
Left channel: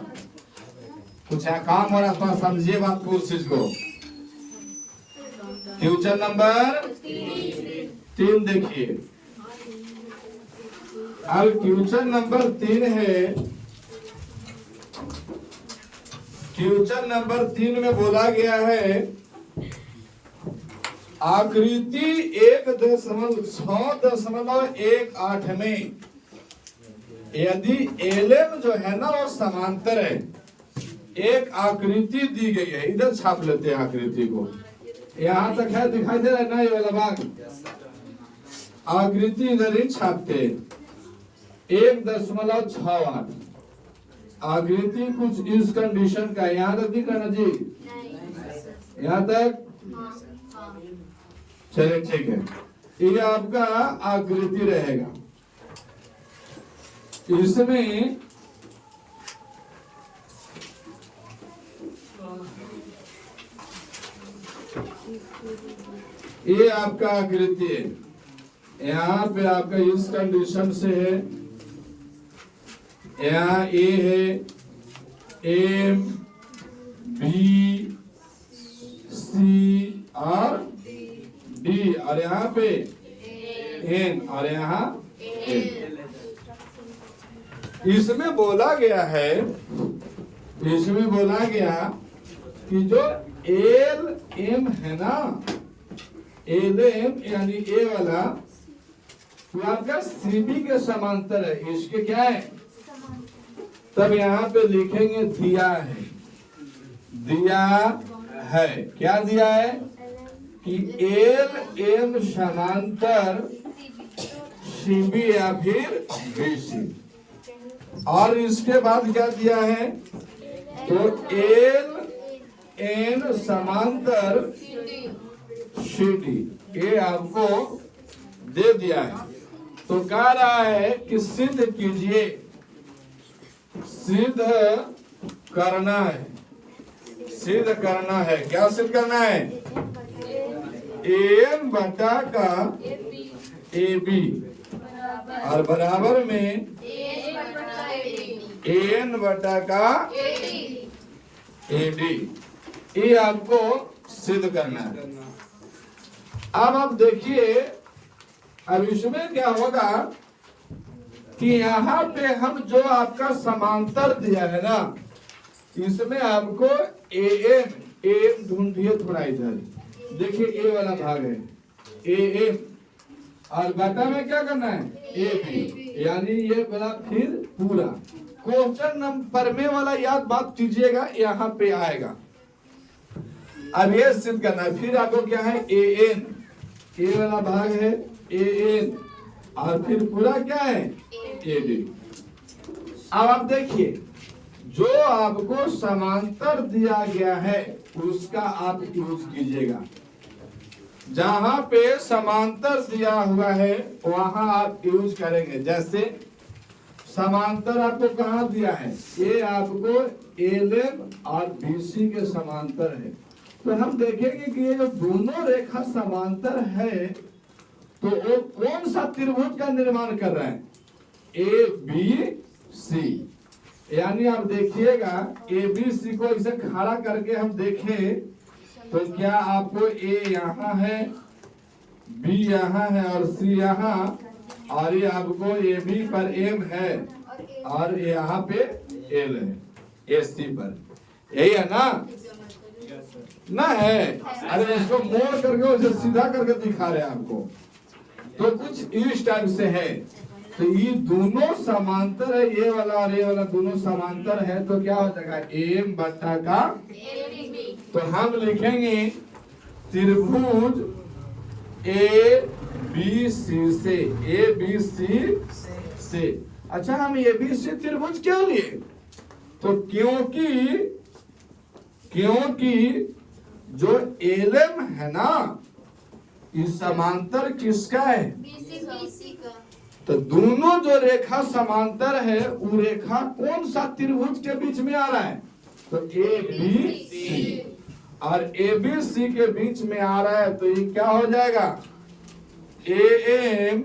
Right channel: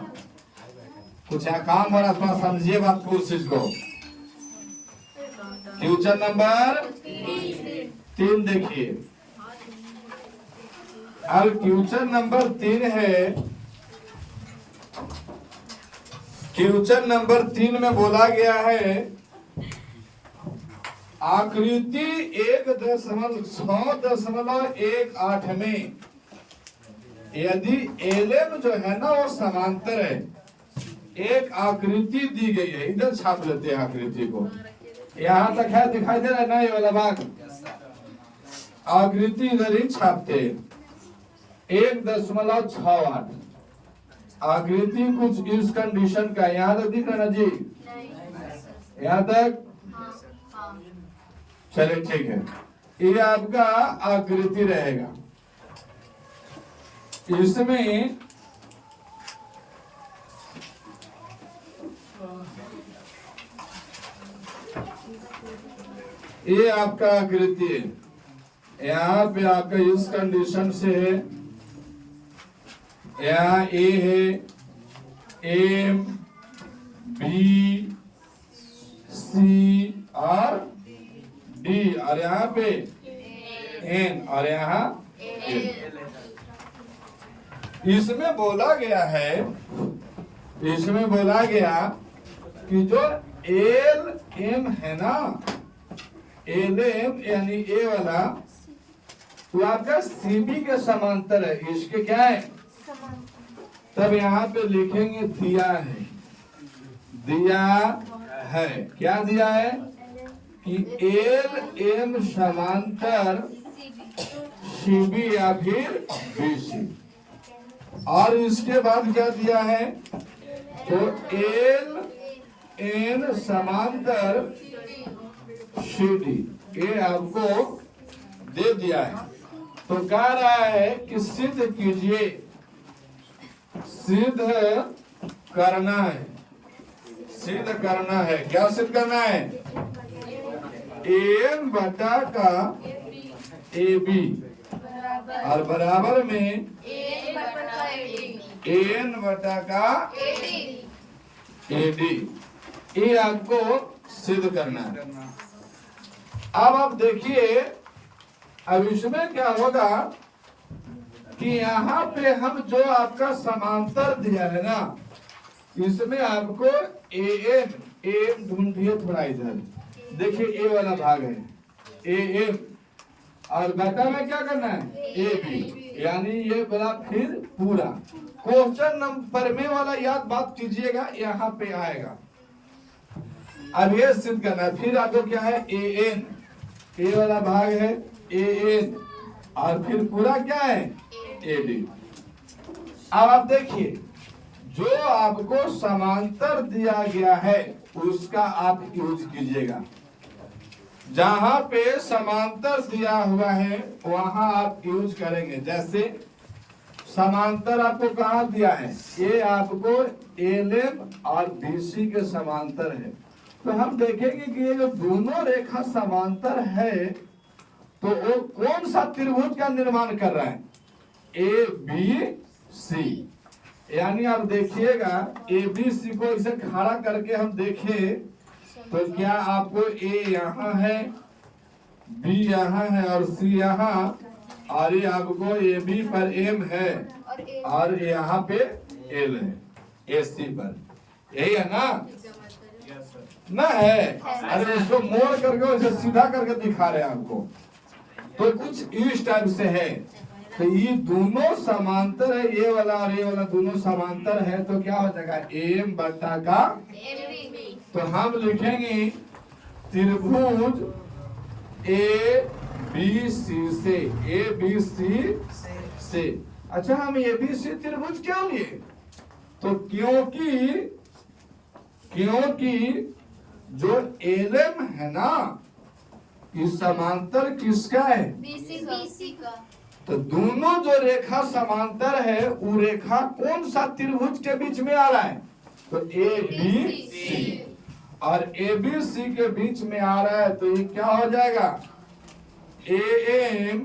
कुछ काम हो रहा है, थोड़ा समझिए बात को, उस चीज को। क्वेश्चन नंबर 3 देखिए। अब क्वेश्चन नंबर 3 है, क्वेश्चन नंबर 3 में बोला गया है आकृति 1.618 में यदि एलएम जो है ना वो समांतर है, एक आकृति दी गई है, इधर छाप लेते हैं आकृति को, यहां तक है, दिखाई दे रहा है ना ये वाला भाग, आकृति इधर ही छापते हैं। 1.68 आकृति कुछ इस कंडीशन का, यहाँ तक दिख रहा ना जी, यहाँ तक, चलिए ठीक है। ये आपका आकृति रहेगा, इसमें ये आपका आकृति है, यहाँ पे आपका इस कंडीशन से है, यहाँ ए है, एम बी सी और डी, और यहाँ पे एन, और यहाँ एन। इसमें बोला गया है, इसमें बोला गया कि जो एल एम है ना, एल एम यानी ए वाला, वो आपका सीबी के समांतर है, इसके क्या है, तब यहाँ पे लिखेंगे दिया है, दिया है, क्या दिया है कि एल एम समांतर सीबी या फिर बीसी। और इसके बाद क्या दिया है, तो एल एन समांतर सीडी, ये आपको दे दिया है। तो कह रहा है कि सिद्ध कीजिए, सिद्ध करना है, सिद्ध करना है, क्या सिद्ध करना है, एन बटा का ए बी और बराबर में एन बटा का ए डी, ये आपको सिद्ध करना है। अब आप देखिए, अब इसमें क्या होगा कि यहाँ पे हम जो आपका समांतर दिया है ना, इसमें आपको एम ढूंढिए थोड़ा इधर। देखिए ए वाला भाग है एम, और बटा में क्या करना है ए बी, यानी ये बोला फिर पूरा। क्वेश्चन नंबर में वाला याद बात कीजिएगा, यहाँ पे आएगा। अब ये सिद्ध करना है, फिर आपको क्या है ए एन, ए वाला भाग है ए एन, और फिर पूरा क्या है ए डी। अब आप देखिए, जो आपको समांतर दिया गया है उसका आप यूज कीजिएगा। जहां पे समांतर दिया हुआ है वहां आप यूज करेंगे। जैसे समांतर आपको कहाँ दिया है, ये आपको एलएम और बीसी के समांतर है। तो हम देखेंगे कि ये जो दोनों रेखा समांतर है तो वो कौन सा त्रिभुज का निर्माण कर रहा है, ए बी सी। यानी आप देखिएगा ए बी सी को इसे खड़ा करके हम देखें तो क्या आपको ए यहाँ है, बी यहाँ है और सी यहाँ, और ये आपको ए बी पर एम है और यहाँ पे एल है ए सी पर, यही है ना, ना है। अरे इसको मोड़ करके इसे सीधा करके दिखा रहे हैं आपको, तो कुछ इस टाइप से है। तो ये दोनों समांतर है, ये वाला और ये वाला दोनों समांतर है, तो क्या हो जाएगा एम बटा का, तो हम लिखेंगे त्रिभुज ए बी सी से, ए बी सी से। अच्छा, हम ए बी सी त्रिभुज क्यों लिए, तो क्योंकि जो एलएम है ना, इस समांतर किसका है, बीसी का। तो दोनों जो रेखा समांतर है वो रेखा कौन सा त्रिभुज के बीच में आ रहा है, तो ए बी सी, और ए बी सी के बीच में आ रहा है, तो ये क्या हो जाएगा ए एम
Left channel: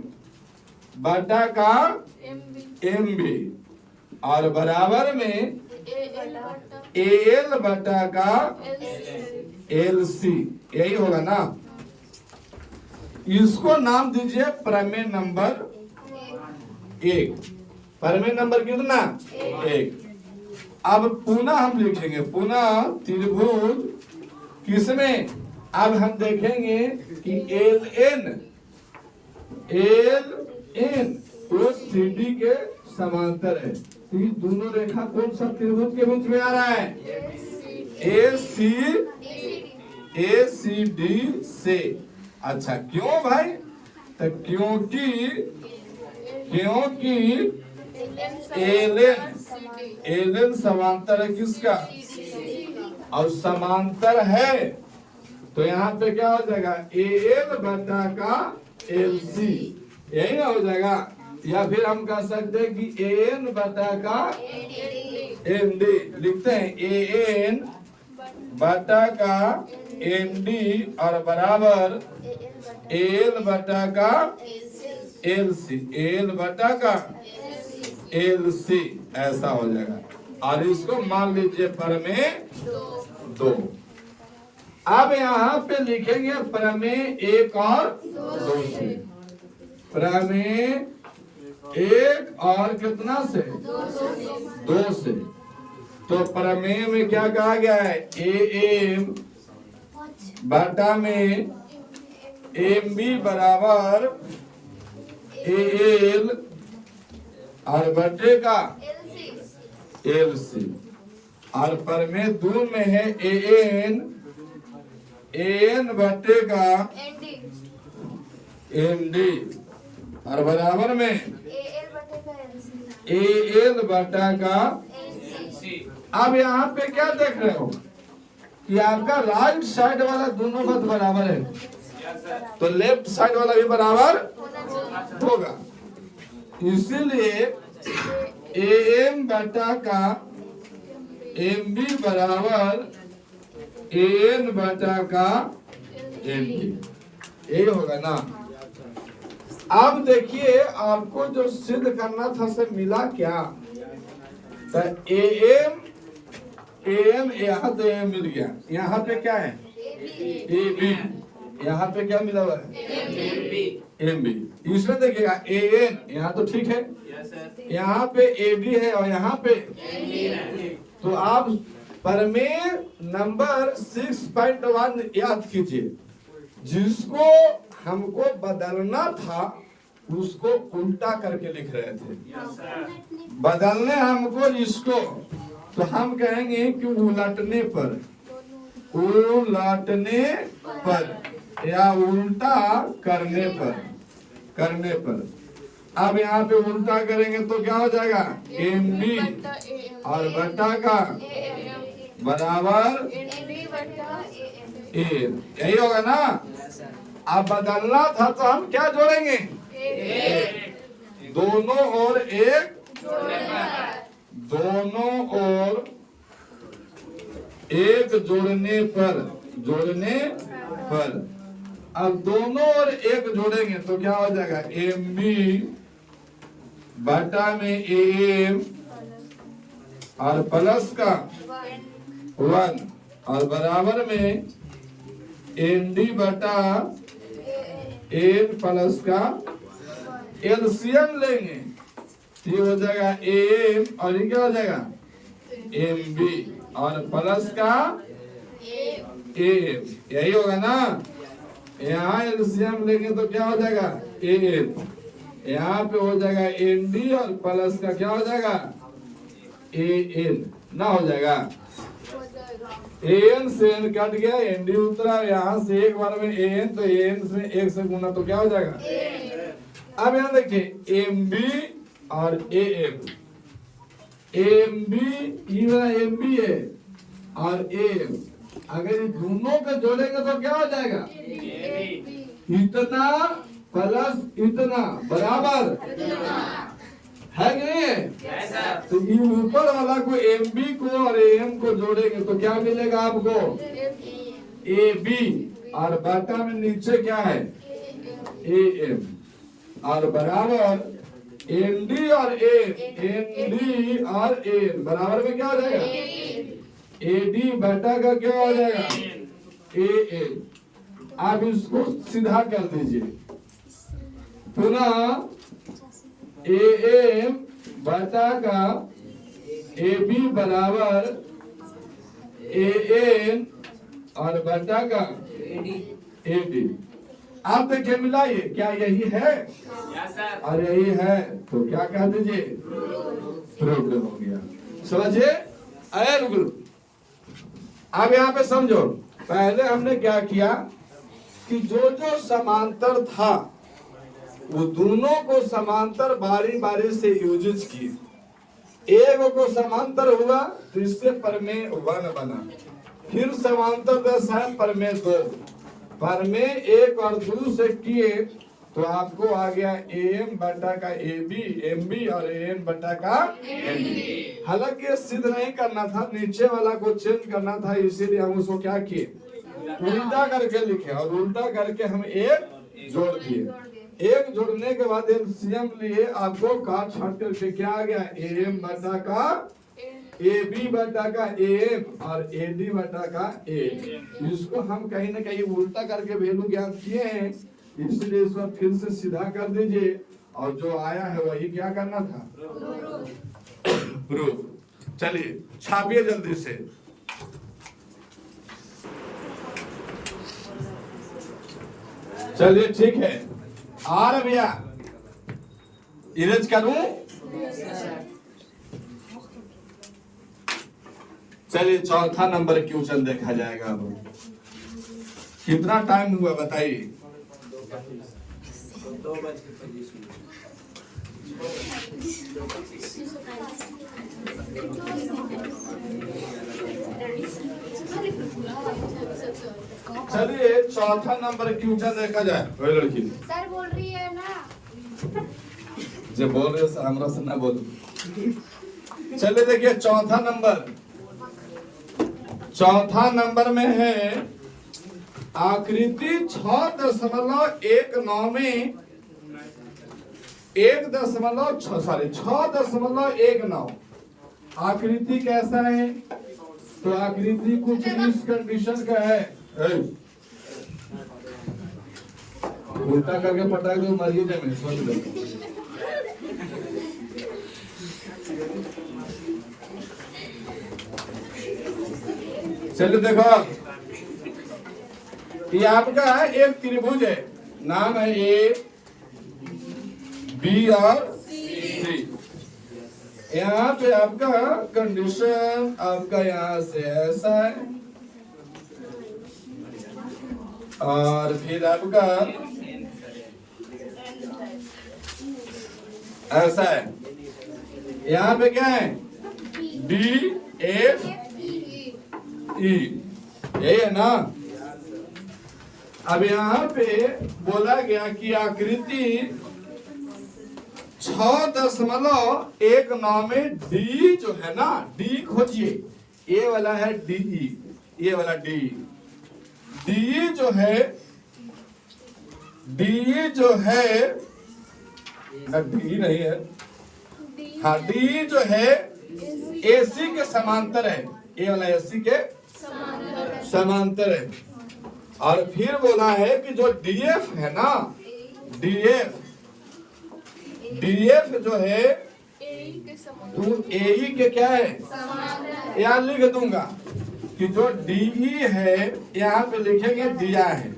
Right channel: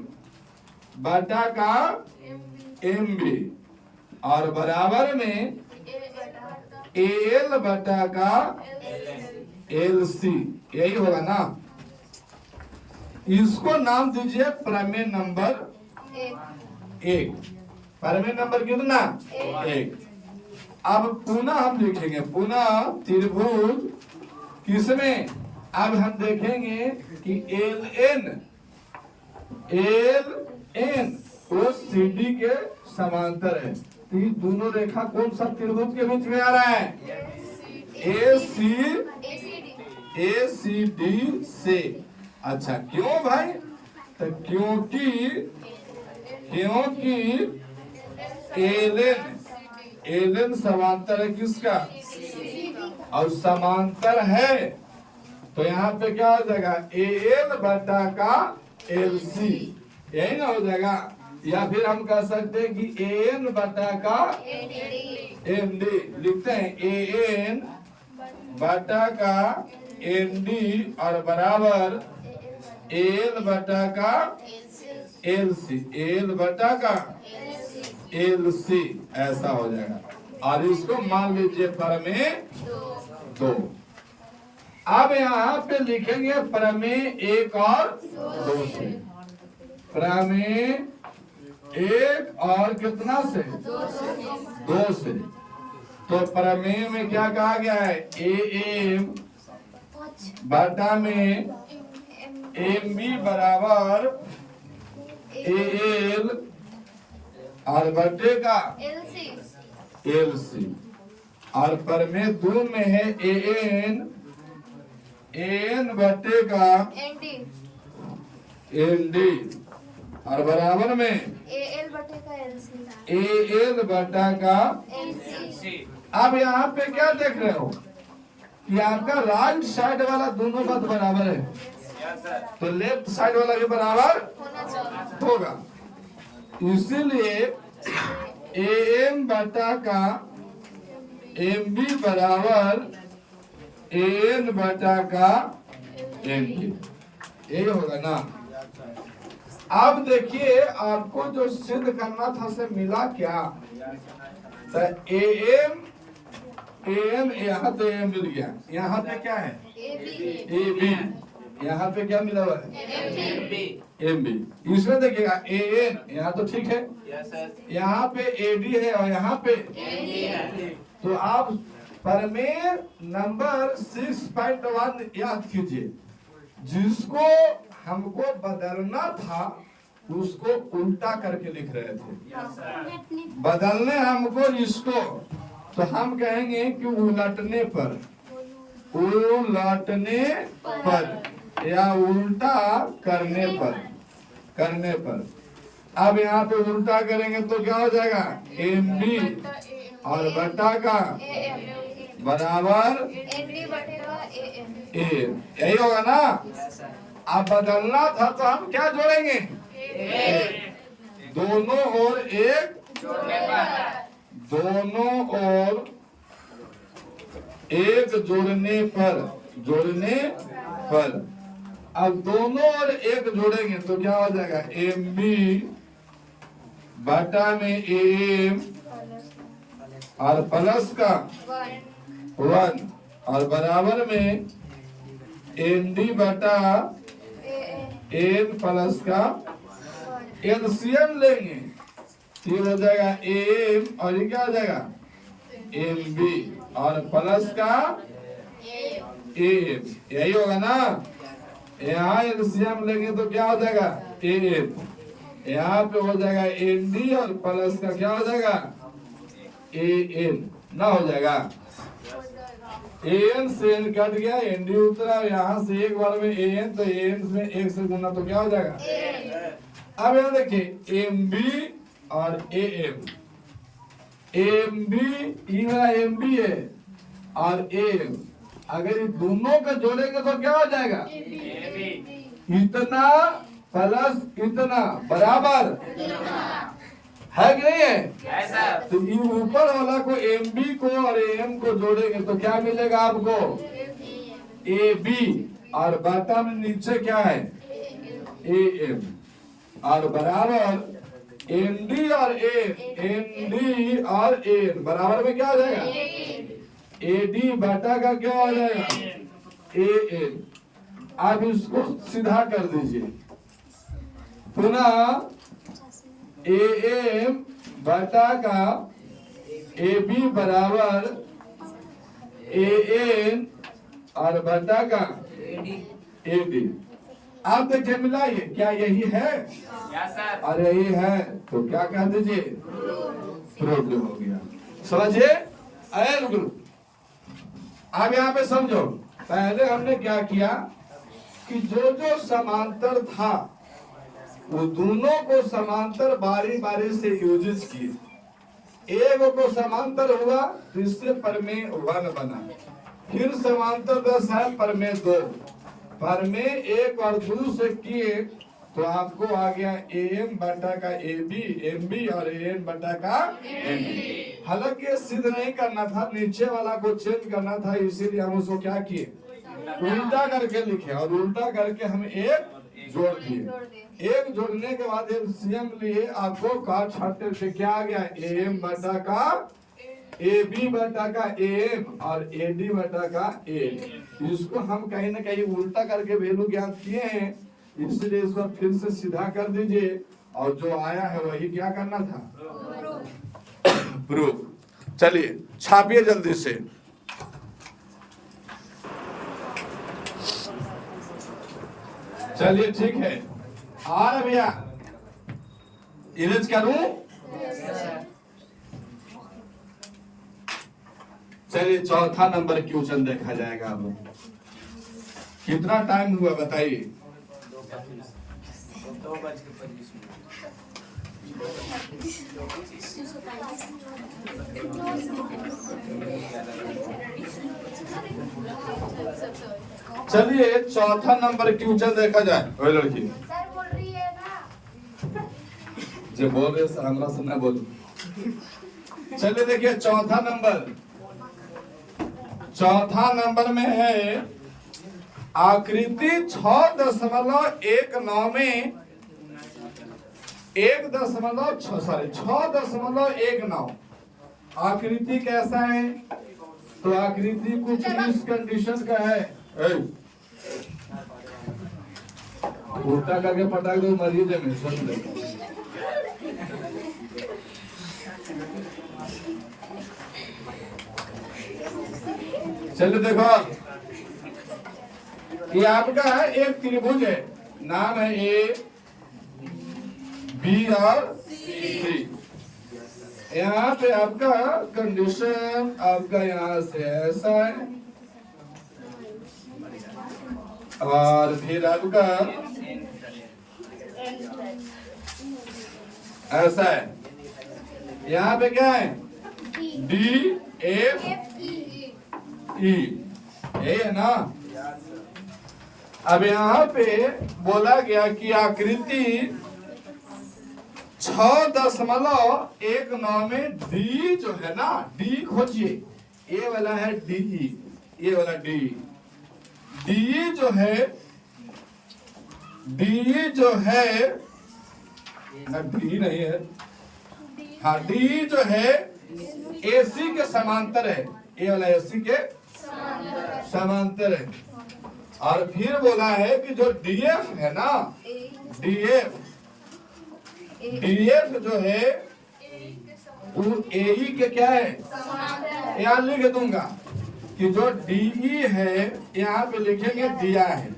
बटा का एम बी, और बराबर में ए एल बटा का एल सी, यही होगा ना। इसको नाम दीजिए प्रमेय नंबर 1। प्रमेय नंबर कितना, 1। अब पुनः हम लिखेंगे, पुनः त्रिभुज किसमें, अब हम देखेंगे कि एल एन वो सी डी के समांतर है। तो ये दोनों रेखा कौन सा त्रिभुज के बीच में आ रहा है, ए सी डी से। अच्छा, क्यों भाई, तो क्योंकि एलन समांतर है किसका, और समांतर है, तो यहाँ पे क्या हो जाएगा ए एल बटा का एल सी, यही ना हो जाएगा। या फिर हम कह सकते हैं कि ए एन बटा का एन डी, लिखते हैं ए एन बटा का एन डी और बराबर एल बटा का एल सी, एल बटा का एल सी, ऐसा हो जाएगा। और इसको मान लीजिए प्रमेय 2। अब यहाँ पे लिखेंगे प्रमेय 1 और 2 से। प्रमेय 1 और कितना से, 2 से। तो प्रमेय में क्या कहा गया है, ए एम बटा में एम बी बराबर ए एल और बटे का एल सी, और प्रमेय 2 में है ए एन बटे का एन डी और बराबर में ए एल बटा का। अब यहाँ पे क्या देख रहे हो कि आपका राइट साइड वाला दोनों बात बराबर है, तो लेफ्ट साइड वाला भी बराबर होगा। इसीलिए ए एम बटा का एम बी बराबर ए एन बटा का एम बी, यही होगा ना। अब देखिए आपको जो सिद्ध करना था से मिला क्या, तो ए एम यहाँ तो एम मिल गया, यहाँ पे क्या है ए बी, यहाँ पे क्या मिला हुआ है? एमबी। एमबी। इसमें देखिएगा एएन यहाँ तो ठीक है, यस सर। यहाँ पे एडी है और यहाँ पे एमबी है। तो आप प्रमेय नंबर 6.1 याद कीजिए, जिसको हमको बदलना था उसको उल्टा करके लिख रहे थे। Yes sir. बदलने हमको इसको तो हम कहेंगे कि उलटने पर, उलटने पर या उल्टा करने पर। अब यहाँ पे उल्टा करेंगे तो क्या हो जाएगा? एम बी और बटा का बराबर ए, यही होगा ना? Yes sir. अब बदलना था तो हम क्या जोड़ेंगे? दोनों ओर एक, जोड़ने पर। दोनों ओर एक जोड़ने पर। अब दोनों ओर एक जोड़ेंगे तो क्या हो जाएगा? एम बी बटा में एम और प्लस का 1 और बराबर में एन डी बटा एन प्लस का एलसीएम लेंगे तो ये हो जाएगा एम और ये क्या हो जाएगा? एम बी और प्लस का एम, यही होगा ना? यहाँ एलसीएम लेंगे तो क्या हो जाएगा? एन। यहाँ पे हो जाएगा एन डी और प्लस का क्या हो जाएगा? एन ना हो जाएगा। एन से एन कट गया, एन डी उतरा, यहाँ से एक बार में एन तो एन में एक से गुना तो क्या हो जाएगा? अब यहाँ देखिए एम बी और A M, M B M B है और एम, अगर ये दोनों को जोड़ेंगे तो क्या हो जाएगा? इतना प्लस इतना बराबर है कि नहीं है? Yes sir. तो ये ऊपर वाला को एम बी को और एम को जोड़ेंगे तो क्या मिलेगा आपको? ए बी और बटा में नीचे क्या है? ए एम और बराबर एन डी और एन, एन डी और एन बराबर में क्या हो जाएगा? ए डी बटा का क्या हो जाएगा? A N. आप इसको सीधा कर दीजिए, पुनः ए एम बटा का ए बी बराबर ए एन और बटा का ए डी। आप देखिए मिलाइए, क्या यही है? Yes sir. और यही है तो क्या कह दीजिए? प्रूव्ड हो गया। समझिए? आया बिल्कुल। अब यहाँ पे समझो, पहले हमने क्या किया कि जो जो समांतर था वो दोनों को समांतर बारी बारी से यूज किए। एक को समांतर हुआ तो इससे प्रमेय 1 बना, फिर समांतर दशा प्रमेय 2, प्रमेय 1 और 2 से किए तो आपको आ गया एम बटा का ए बी, एम बी और एन बटा का एन बी। हालांकि ये सिद्ध नहीं करना था, नीचे वाला को चेंज करना था, इसीलिए हम उसको क्या किए? उल्टा करके लिखे और उल्टा करके हम एक जोड़ दिए। एक जोड़ने के बाद एलसीएम लिए, आपको काट छाट करके क्या आ गया? एम बटा का ए बी बटा का एम और ए डी बटा का ए। इसको हम कहीं ना कहीं उल्टा करके वैल्यू ज्ञात किए हैं, इसलिए इसको फिर से सीधा कर दीजिए और जो आया है वही क्या करना था? प्रूफ। चलिए छापिए जल्दी से। चलिए ठीक है, आ रहे भैया, इरेज करूं? चलिए चौथा नंबर क्वेश्चन देखा जाएगा। अब कितना टाइम हुआ बताइए? 2:25। चलिए चौथा नंबर क्वेश्चन देखा जाए। ओए लड़की सर बोल रही है ना, जे बोल रहे से हमरा से ना बोलो। चलिए देखिए चौथा नंबर में है आकृति 6.19 में 6.19 आकृति कैसा है? तो आकृति कुछ इस कंडीशन का है। उल्टा करके पटाख दो मर जाए मैं सोच ले। चलिए देखो ये आपका एक त्रिभुज है, नाम है ए बी और सी। यहाँ पे आपका कंडीशन आपका यहाँ से ऐसा है और फिर आपका ऐसा है। यहाँ पे क्या है डी एफ ई, ये है ना। अब यहाँ पे बोला गया कि आकृति 6.19 में डी जो है ना, डी खोजिए, ये वाला है डी, ये वाला डी, डी जो है, डी जो है ना, डी नहीं है, हाँ डी जो है एसी के समांतर है, ये वाला एसी के समांतर है। और फिर बोला है कि जो डीएफ है ना, डीएफ, डीएफ जो है तू एई के क्या है, यहाँ लिख दूंगा कि जो डीई है यहाँ पे लिखेंगे दिया है,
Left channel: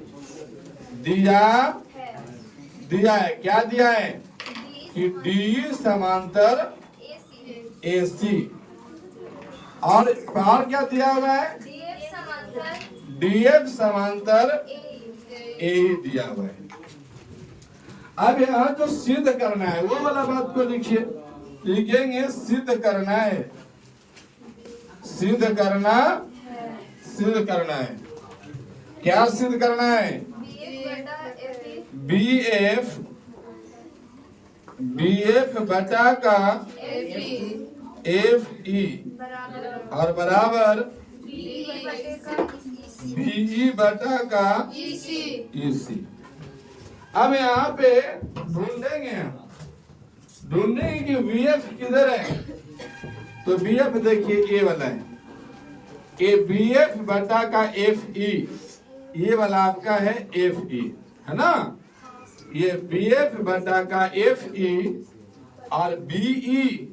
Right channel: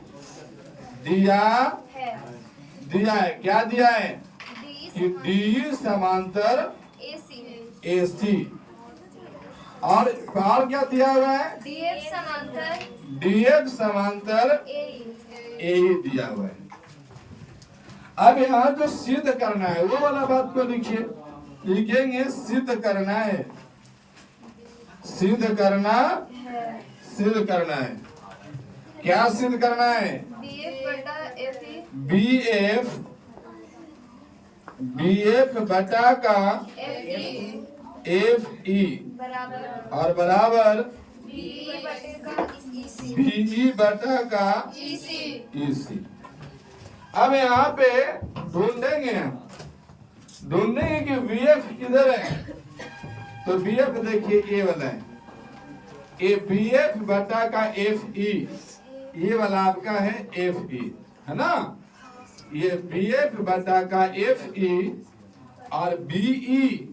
दिया, दिया है, क्या दिया है कि डी समांतर एसी, और क्या दिया हुआ है डीएफ समांतर एई दिया हुआ है। अब यहाँ जो सिद्ध करना है वो वाला बात को लिखिए, लिखेंगे सिद्ध करना है, सिद्ध करना, सिद्ध करना है, क्या सिद्ध करना है बी एफ, बीएफ बटा का एफ ई और बराबर बीई बटा का ईसी। अब यहाँ पे ढूंढेंगे, ढूंढेंगे कि वीएफ किधर है, तो बीएफ देखिए ये वाला है, ये बीएफ बटा का एफ ई, ये वाला आपका है एफ ई, है ना, ये बीएफ बटा का एफ ई और बीई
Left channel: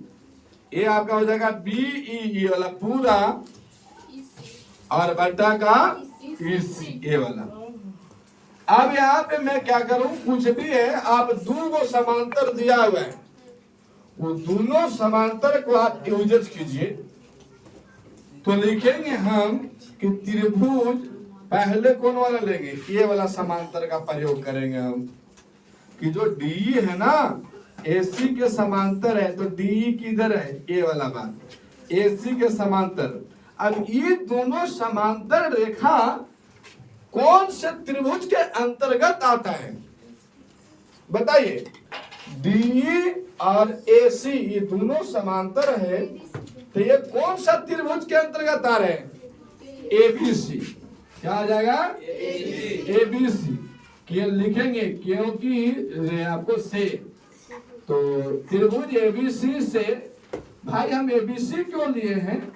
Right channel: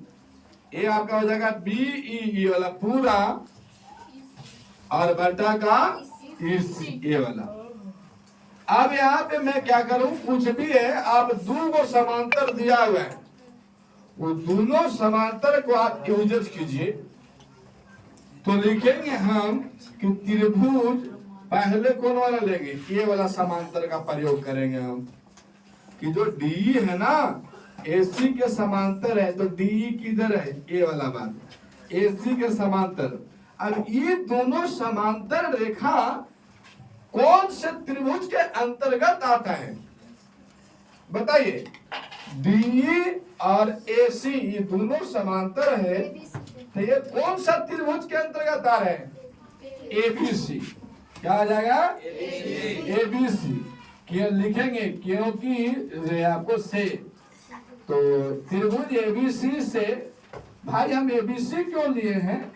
ये आपका हो जाएगा बीई, ये वाला पूरा और बटा का ईसी, ये वाला। अब यहाँ पे मैं क्या करूं, कुछ भी है, आप दो समांतर दिया हुआ है, वो दोनों समांतर को आप यूज कीजिए। तो लिखेंगे हम कि त्रिभुज पहले कौन वाला लेंगे, ये वाला समांतर का प्रयोग करेंगे हम, कि जो डी है ना एसी के समांतर है, तो डी किधर है, ये वाला बात एसी के समांतर। अब ये दोनों समांतर रेखा कौन से त्रिभुज के अंतर्गत आता है बताइए, डी और एसी ये दोनों समांतर है, तो ये कौन सा त्रिभुज के अंतर्गत आ रहे हैं, एबीसी। क्या आ जाएगा एबीसी, क्यों लिखेंगे क्योंकि आपको से, तो त्रिभुज एबीसी से, भाई हम एबीसी क्यों लिए हैं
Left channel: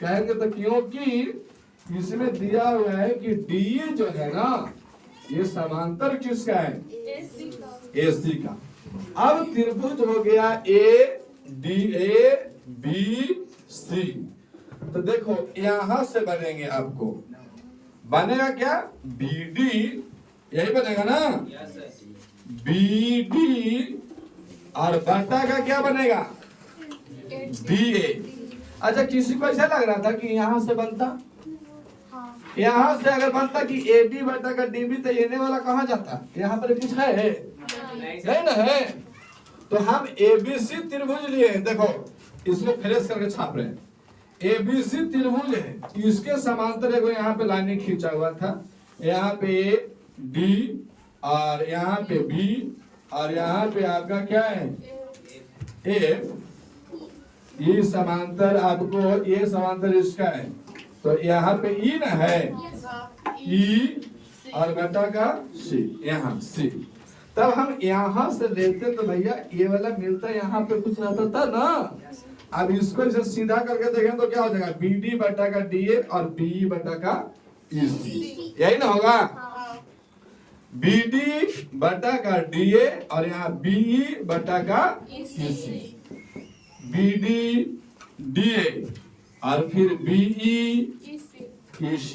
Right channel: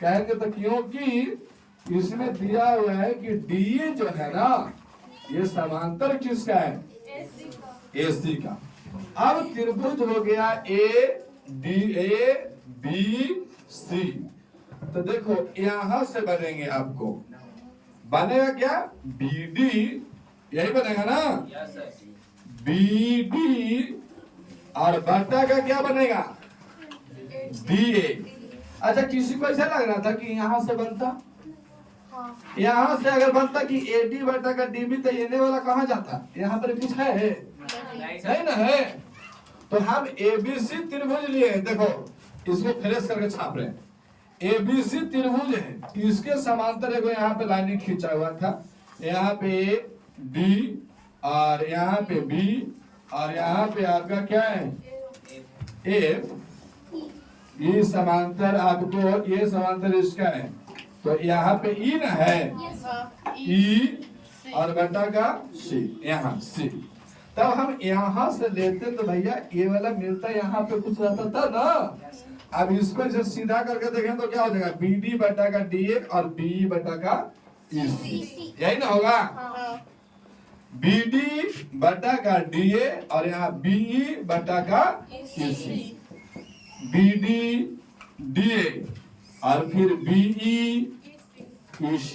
कहेंगे, तो क्योंकि इसमें दिया हुआ है कि डी जो है ना ये समांतर किसका है, एसी का। अब त्रिभुज हो गया A D A B C, तो देखो यहां से बनेंगे, आपको बनेगा क्या बी डी, यही बनेगा ना बी डी, और बटा का क्या बनेगा डी ए। अच्छा किसी को ऐसा लग रहा था कि यहाँ से बनता, यहाँ से अगर बनता कि ए डी बटा का डी बी, तो ये वाला कहाँ जाता, यहाँ पर कुछ है नहीं ना है। तो हम एबीसी त्रिभुज लिए हैं, देखो इसको फ्रेश करके छाप रहे हैं, एबीसी त्रिभुज है, इसके समांतर एक यहाँ पे लाइन खींचा हुआ था, यहाँ पे बी और यहाँ पे बी और यहाँ पे आपका क्या है एफ, ये समांतर आपको, ये समांतर इसका है, तो यहाँ पे ई ना है, ई और बटा का सी, यहाँ सी। तब हम यहाँ से लेते तो भैया ये वाला मिलता, यहाँ पे कुछ रहता था ना। अब इसको इसे सीधा करके देखें तो क्या हो जाएगा बी डी बटा का डी ए और बी बटा का ई सी, यही ना होगा। BD बटा का DA और यहाँ BE बटा का EC। BD DA और फिर BE EC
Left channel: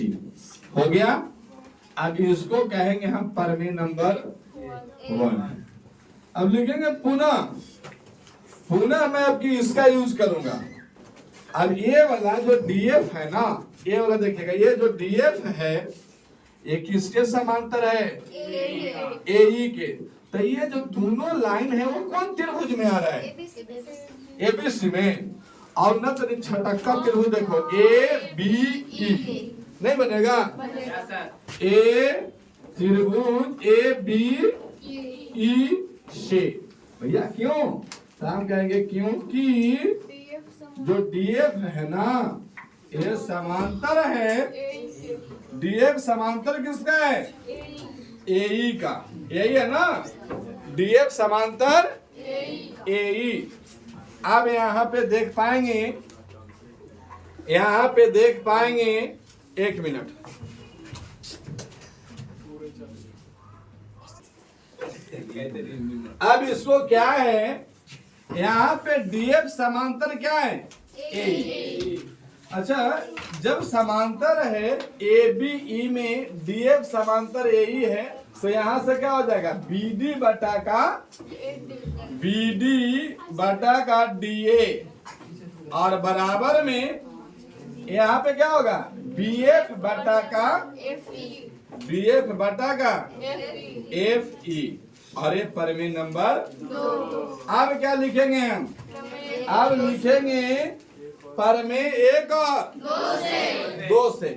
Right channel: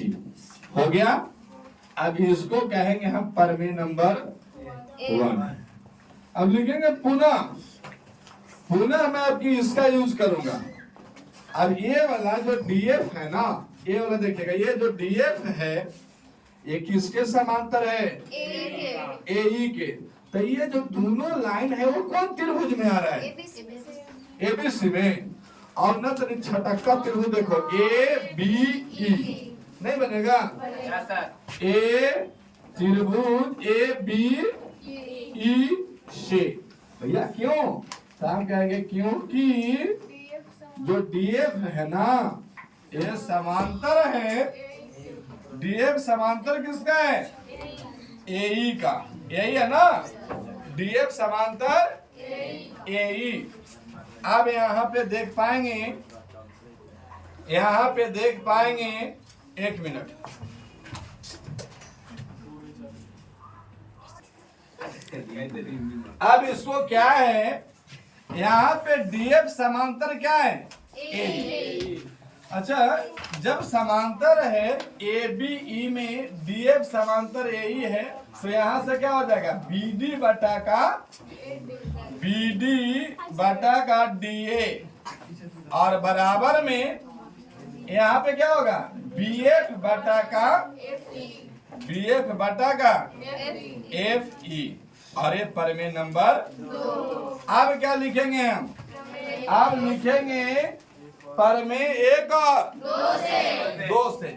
हो गया। अब इसको कहेंगे हम प्रमेय नंबर 1। अब लिखेंगे पुनः मैं आपकी इसका यूज करूंगा। अब ये वाला जो DF है ना, ये वाला देखिएगा, ये जो DF है ये किसके समांतर है? AE के। तो ये जो दोनों लाइन है वो कौन त्रिभुज में आ रहा है? ABC में। और ना तो छटक्का त्रिभुज देखो ABE नहीं बनेगा? Yes sir. A त्रिभुज ABE से। भैया क्यों? तो हम कहेंगे क्योंकि जो DF है ना ये समांतर है। DF समांतर किसका है? AE का। AE है ना, DF समांतर AE। अब यहाँ पे देख पाएंगे, एक मिनट, अब इसको क्या है, यहाँ पे DF समांतर क्या है? AE। अच्छा, जब समांतर है ABE में DF समांतर AE है तो यहाँ से क्या हो जाएगा? BD बटा का DA और बराबर में यहाँ पे क्या होगा? BF बटा का FE और ये प्रमेय नंबर 2। अब क्या लिखेंगे हम? अब लिखेंगे प्रमेय 1 और 2 से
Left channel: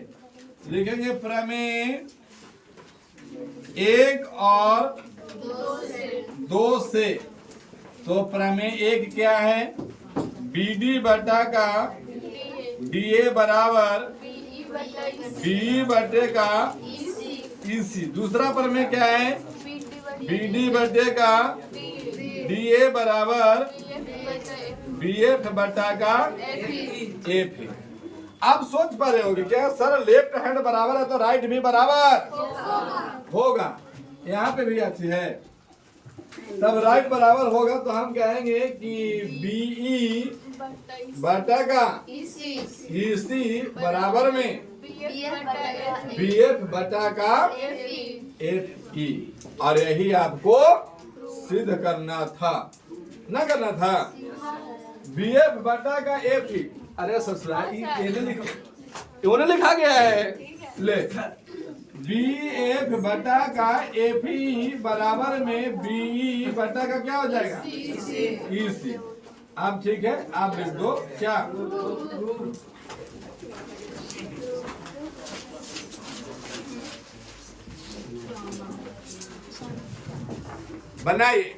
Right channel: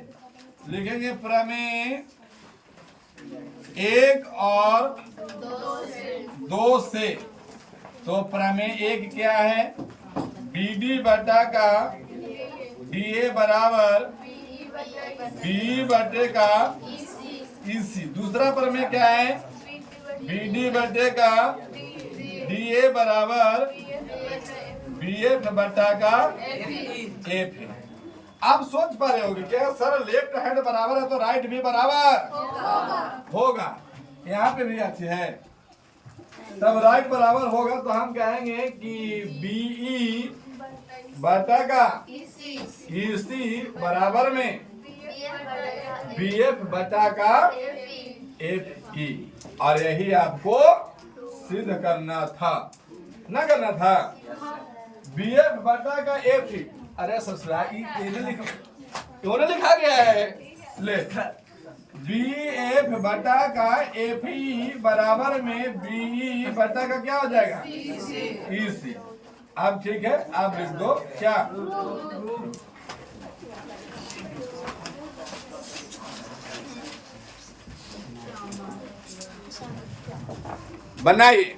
लिखेंगे प्रमेय 1 और 2 से। तो प्रमेय 1 क्या है? BD बटा का DA बराबर BE बटे का EC। दूसरा प्रमेय क्या है? BD बटे का DA बराबर BF बटा का FE। आप सोच पा रहे होगे क्या सर लेफ्ट हैंड बराबर है तो राइट भी बराबर होगा? यहाँ पे भी अच्छी है, तब राइट बराबर होगा तो हम कहेंगे कि BE बटा का EC बराबर में BF बटा का FE। और यही आपको सिद्ध करना था, ना करना था? BF बटा का FE। अरे ससुराल ये लिखा गया है, ले BF बटा का FE बराबर में BE बटा का क्या हो जाएगा? EC। अब ठीक है, आप लिख दो क्या? बनाइए।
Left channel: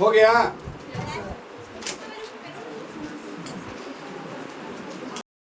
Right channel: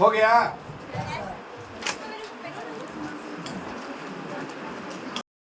हो गया?